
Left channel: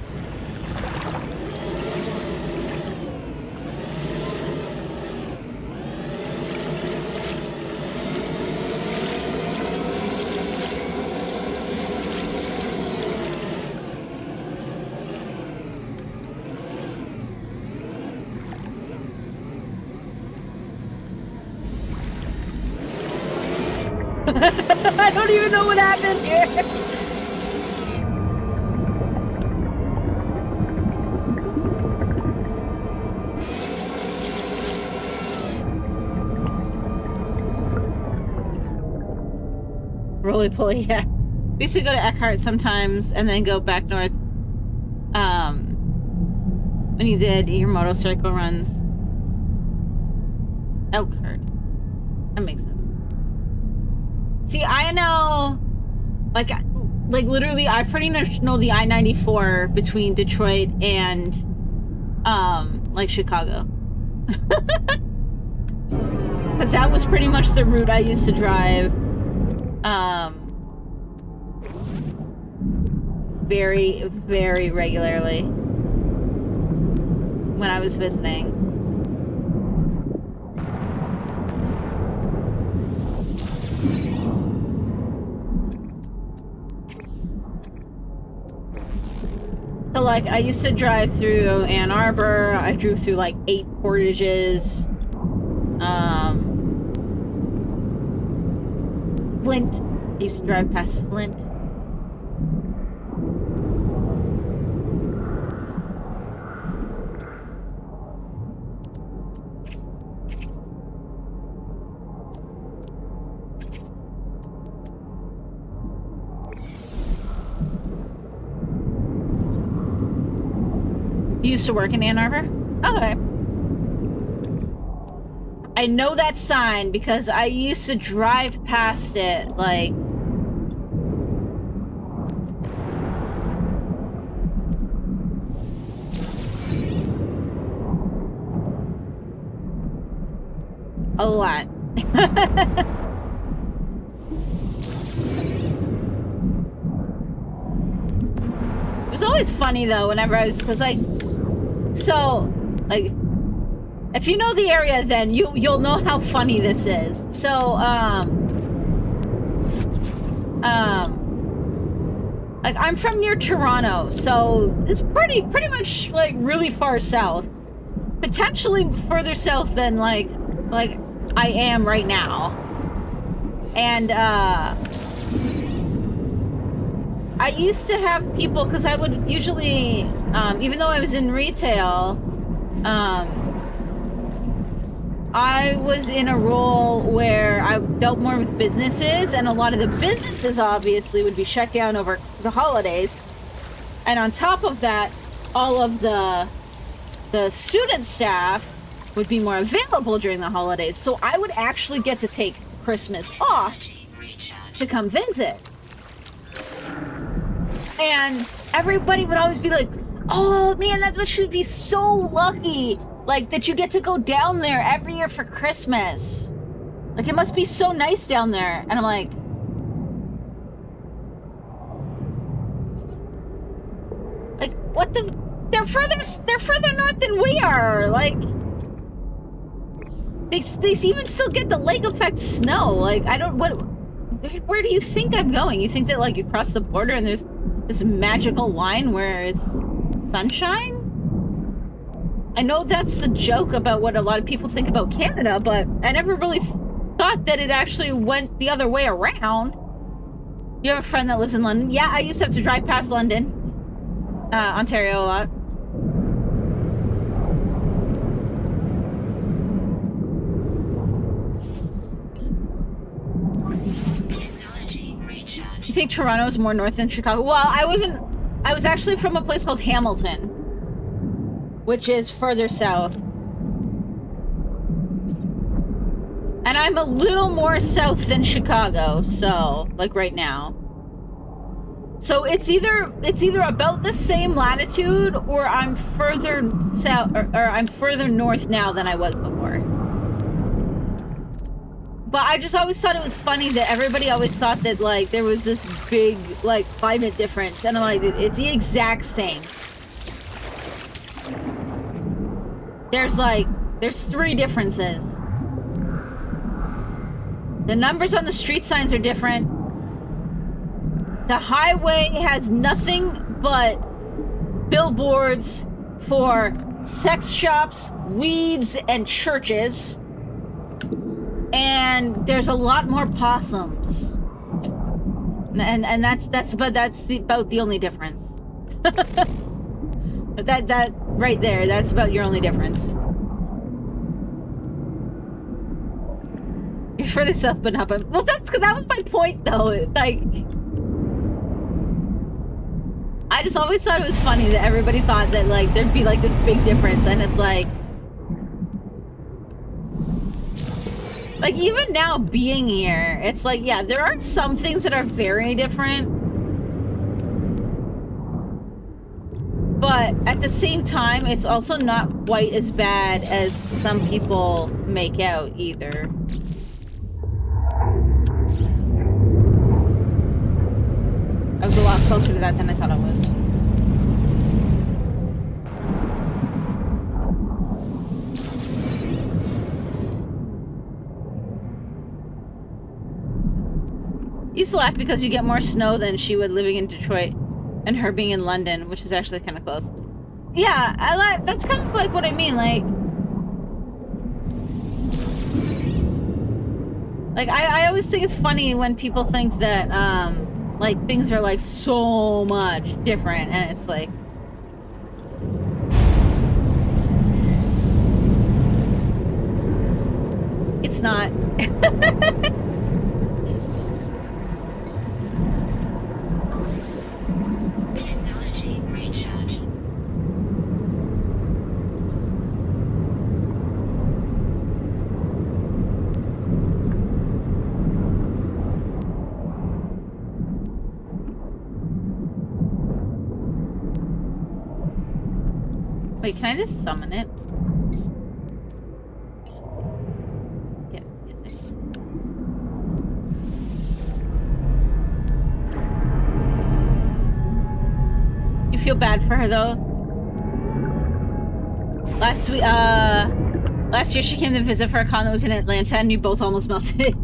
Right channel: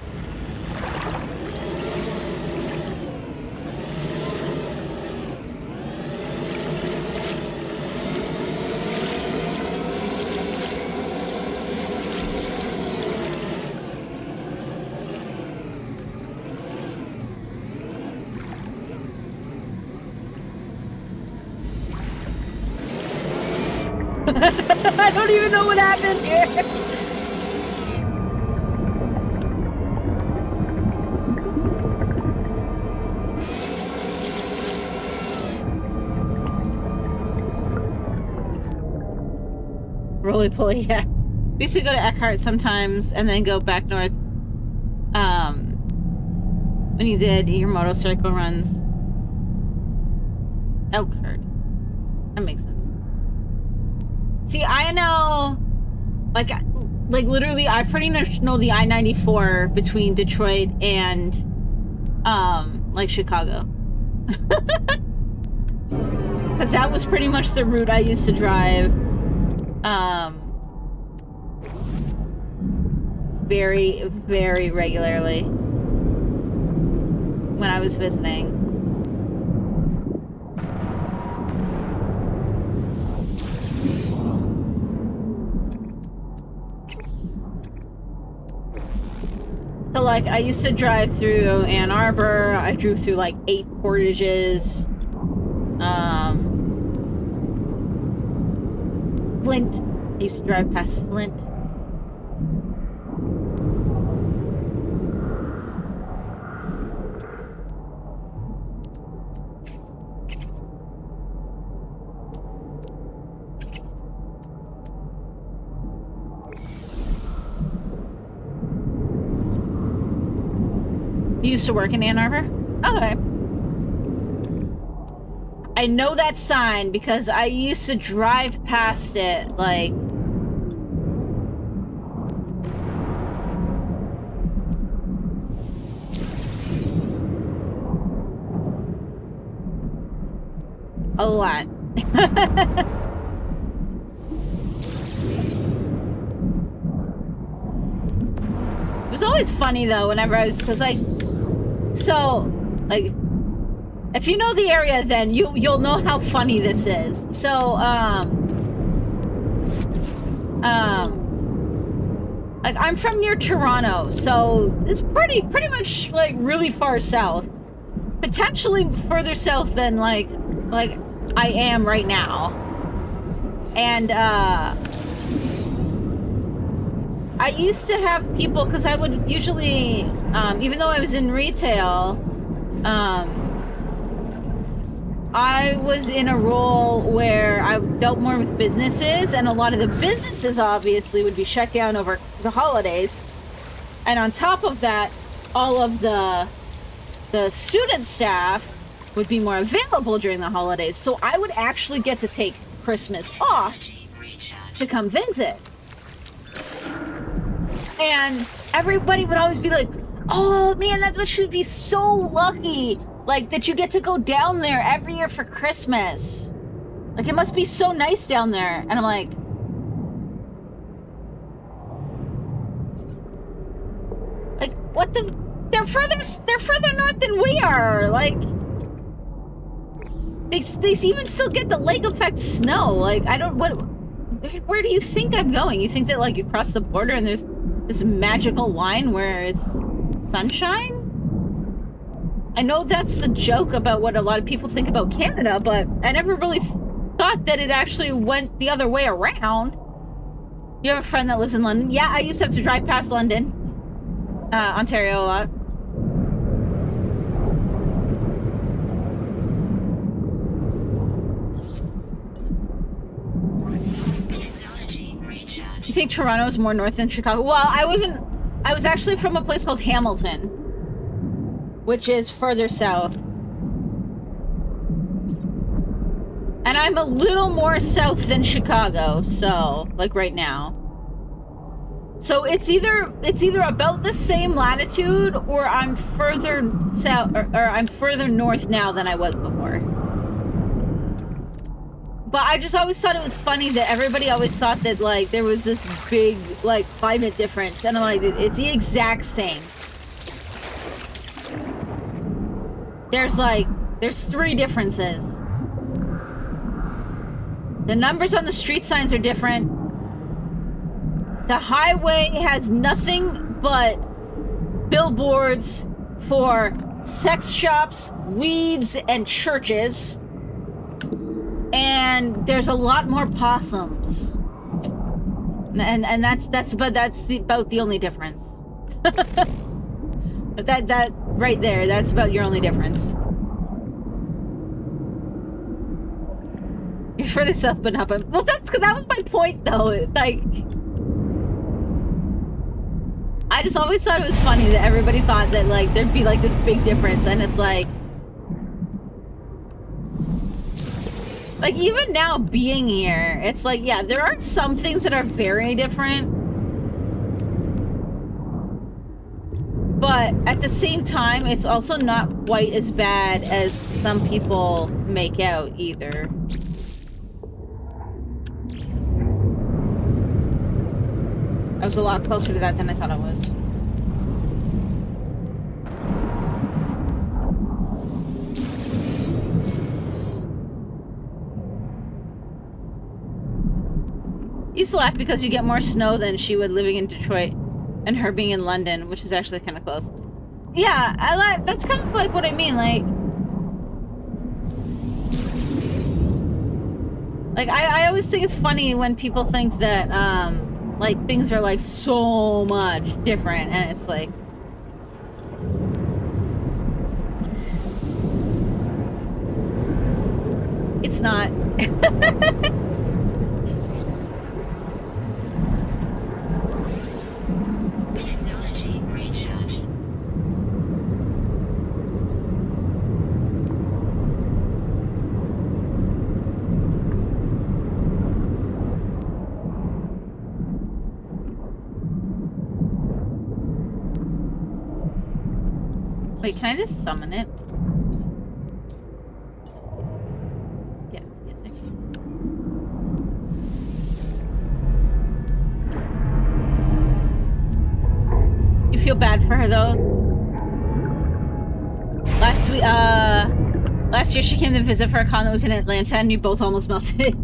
I don't even know what happened here. Roly poly, yeah. We used to go to Eckhart sometimes and then go back north. When you did your motorcycle runs. Elkhart. That makes sense. See, I know, like literally, I pretty much know the I-94 between Detroit and, like Chicago. Because that was pretty much the route I used to drive, very, very regularly when I was visiting. So, like, I used to drive through Ann Arbor. I drove through, like, 8 portages. Flint. I used to drive past Flint. You used to work in Ann Arbor? Okay. I know that sign because I used to drive past it, like... a lot. It was always funny, though, whenever I was... because, like... So, like, if you know the area, then you'll know how funny this is. So, like, I'm from near Toronto, so it's pretty much, like, really far south. Potentially further south than, like I am right now. And, I used to have people, because I would usually, even though I was in retail, I was in a role where I dealt more with businesses, and a lot of the businesses obviously would be shut down over the holidays. And on top of that, all of the student staff would be more available during the holidays. So I would actually get to take Christmas off to come visit. And everybody would always be like, oh man, that should be so lucky, like, that you get to go down there every year for Christmas. Like, it must be so nice down there. And I'm like, what the... They're they're further north than we are. Like, they even still get the lake effect snow. Like, I don't, where do you think I'm going? You think that, like, you cross the border and there's this magical line where it's sunshine? I know that's the joke about what a lot of people think about Canada, but I never really thought that it actually went the other way around. You have a friend that lives in London? Yeah, I used to have to drive past London, Ontario a lot. You think Toronto is more north than Chicago? Well, I was actually from a place called Hamilton, which is further south. And I'm a little more south than Chicago, so, like, right now. So it's either about the same latitude, or I'm further south, or I'm further north now than I was before. But I just always thought it was funny that everybody always thought that, like, there was this big, like, climate difference. And I'm like, it's the exact same. There's 3 differences. The numbers on the street signs are different. The highway has nothing but billboards for sex shops, weeds, and churches. And there's a lot more possums. And that's about the only difference. that right there, that's about your only difference. You're further south, but not. But well, that was my point, though. Like, I just always thought it was funny that everybody thought that, like, there'd be like this big difference, and it's like even now being here, it's like, yeah, there are some things that are very different, but at the same time, it's also not quite as bad as some people make out either. I was a lot closer to that than I thought I was. You used to laugh because you get more snow than she would living in Detroit, and her being in London, which is actually kind of close. Yeah, that's kind of like what I mean. Like I always think it's funny when people think that like things are like so much different, and it's like, it's not. Technology recharge. Wait, can I just summon it? Yes, I can. You feel bad for her though? Last year she came to visit for a con that was in Atlanta, and you both almost melted.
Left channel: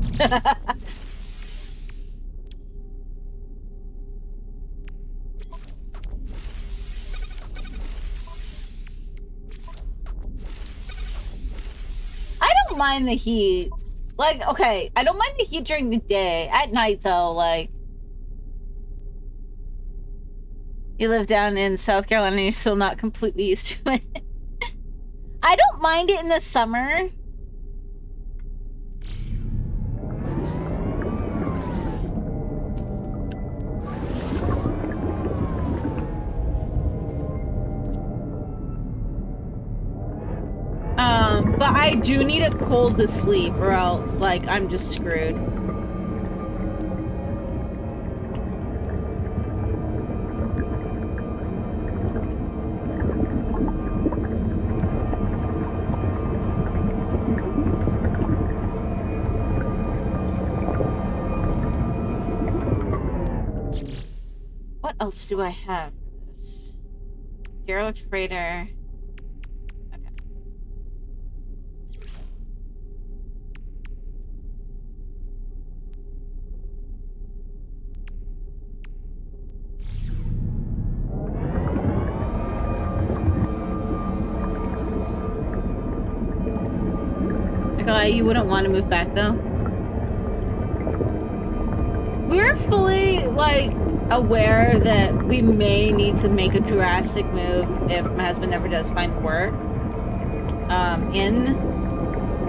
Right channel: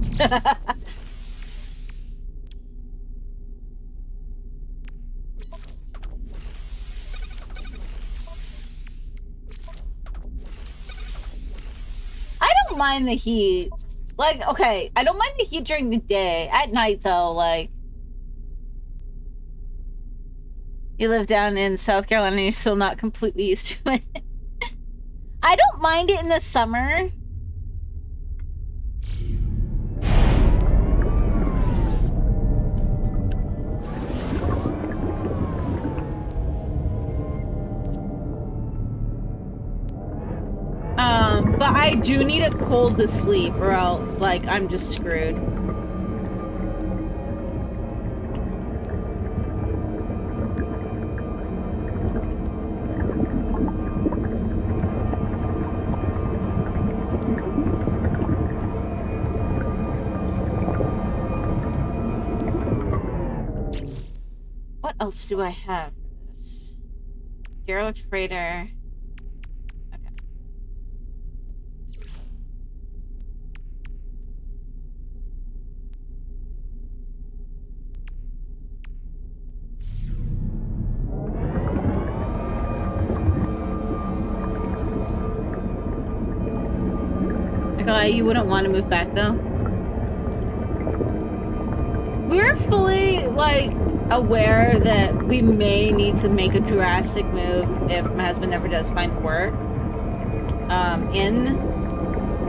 Mind the heat. Like, okay, I don't mind the heat during the day. At night, though, like, you live down in South Carolina and you're still not completely used to it. I don't mind it in the summer. But I do need a cold to sleep, or else, like, I'm just screwed. What else do I have for this? derelict freighter. Okay. Nikolai, you wouldn't want to move back though? We're fully, like, aware that we may need to make a drastic move if my husband ever does find work. In,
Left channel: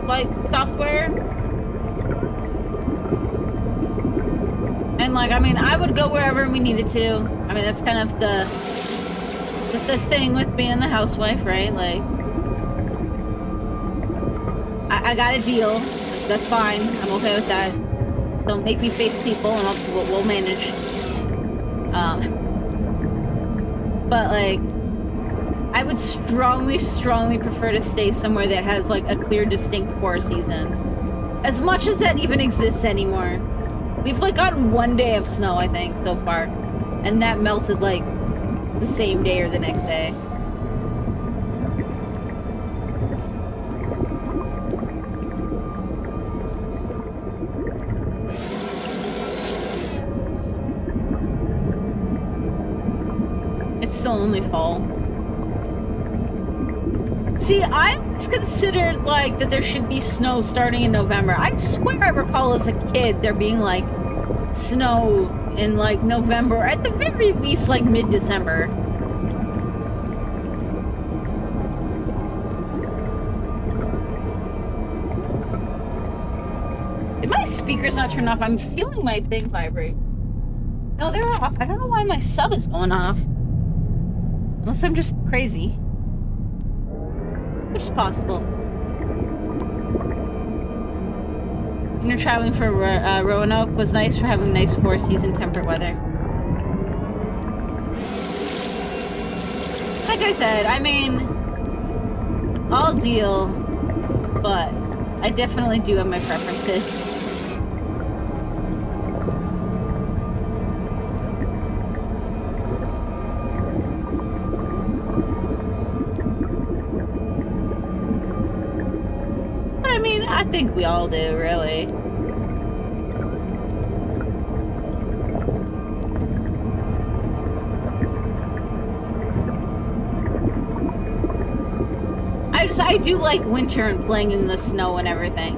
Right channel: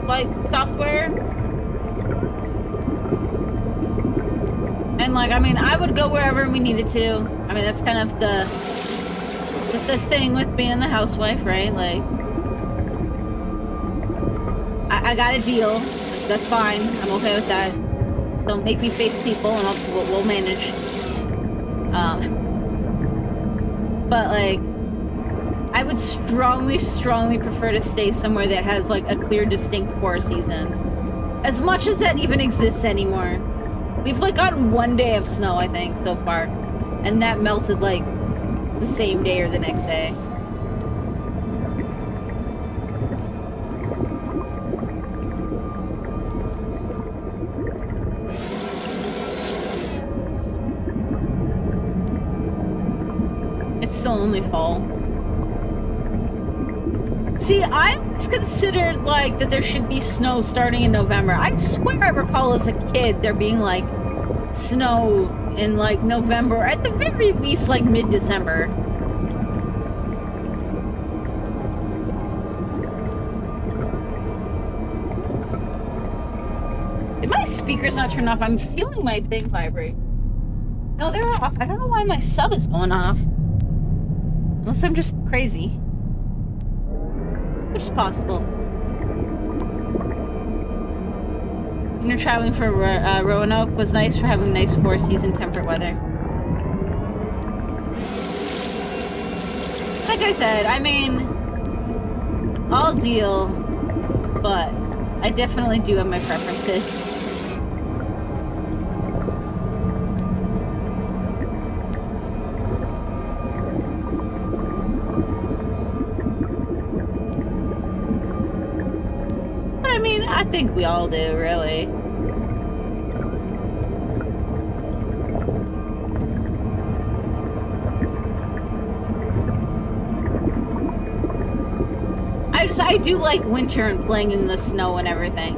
like, software. And, like, I mean, I would go wherever we needed to. I mean, that's kind of the thing with being the housewife, right? Like, I got a deal. That's fine. I'm okay with that. Don't make me face people, and we'll manage. But like, I would strongly, strongly prefer to stay somewhere that has like a clear, distinct 4 seasons. As much as that even exists anymore. We've like gotten 1 day of snow, I think, so far, and that melted like the same day or the next day. It's still only fall. See, I always considered, like, that there should be snow starting in November. I swear I recall as a kid there being, like, snow in, like, November, or at the very least, like, mid-December. If my speaker's not turned off, I'm feeling my thing vibrate. No, they're off. I don't know why my sub is going off. Unless I'm just crazy. Which is possible. You know, traveling for Roanoke was nice for having nice 4-season temperate weather. Like I said, I mean, I'll deal, but I definitely do have my preferences. I mean, I think we all do, really. I do like winter and playing in the snow and everything.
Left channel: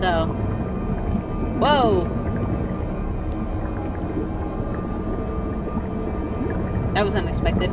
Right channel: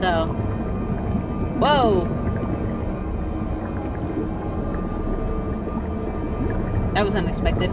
So. Whoa! That was unexpected.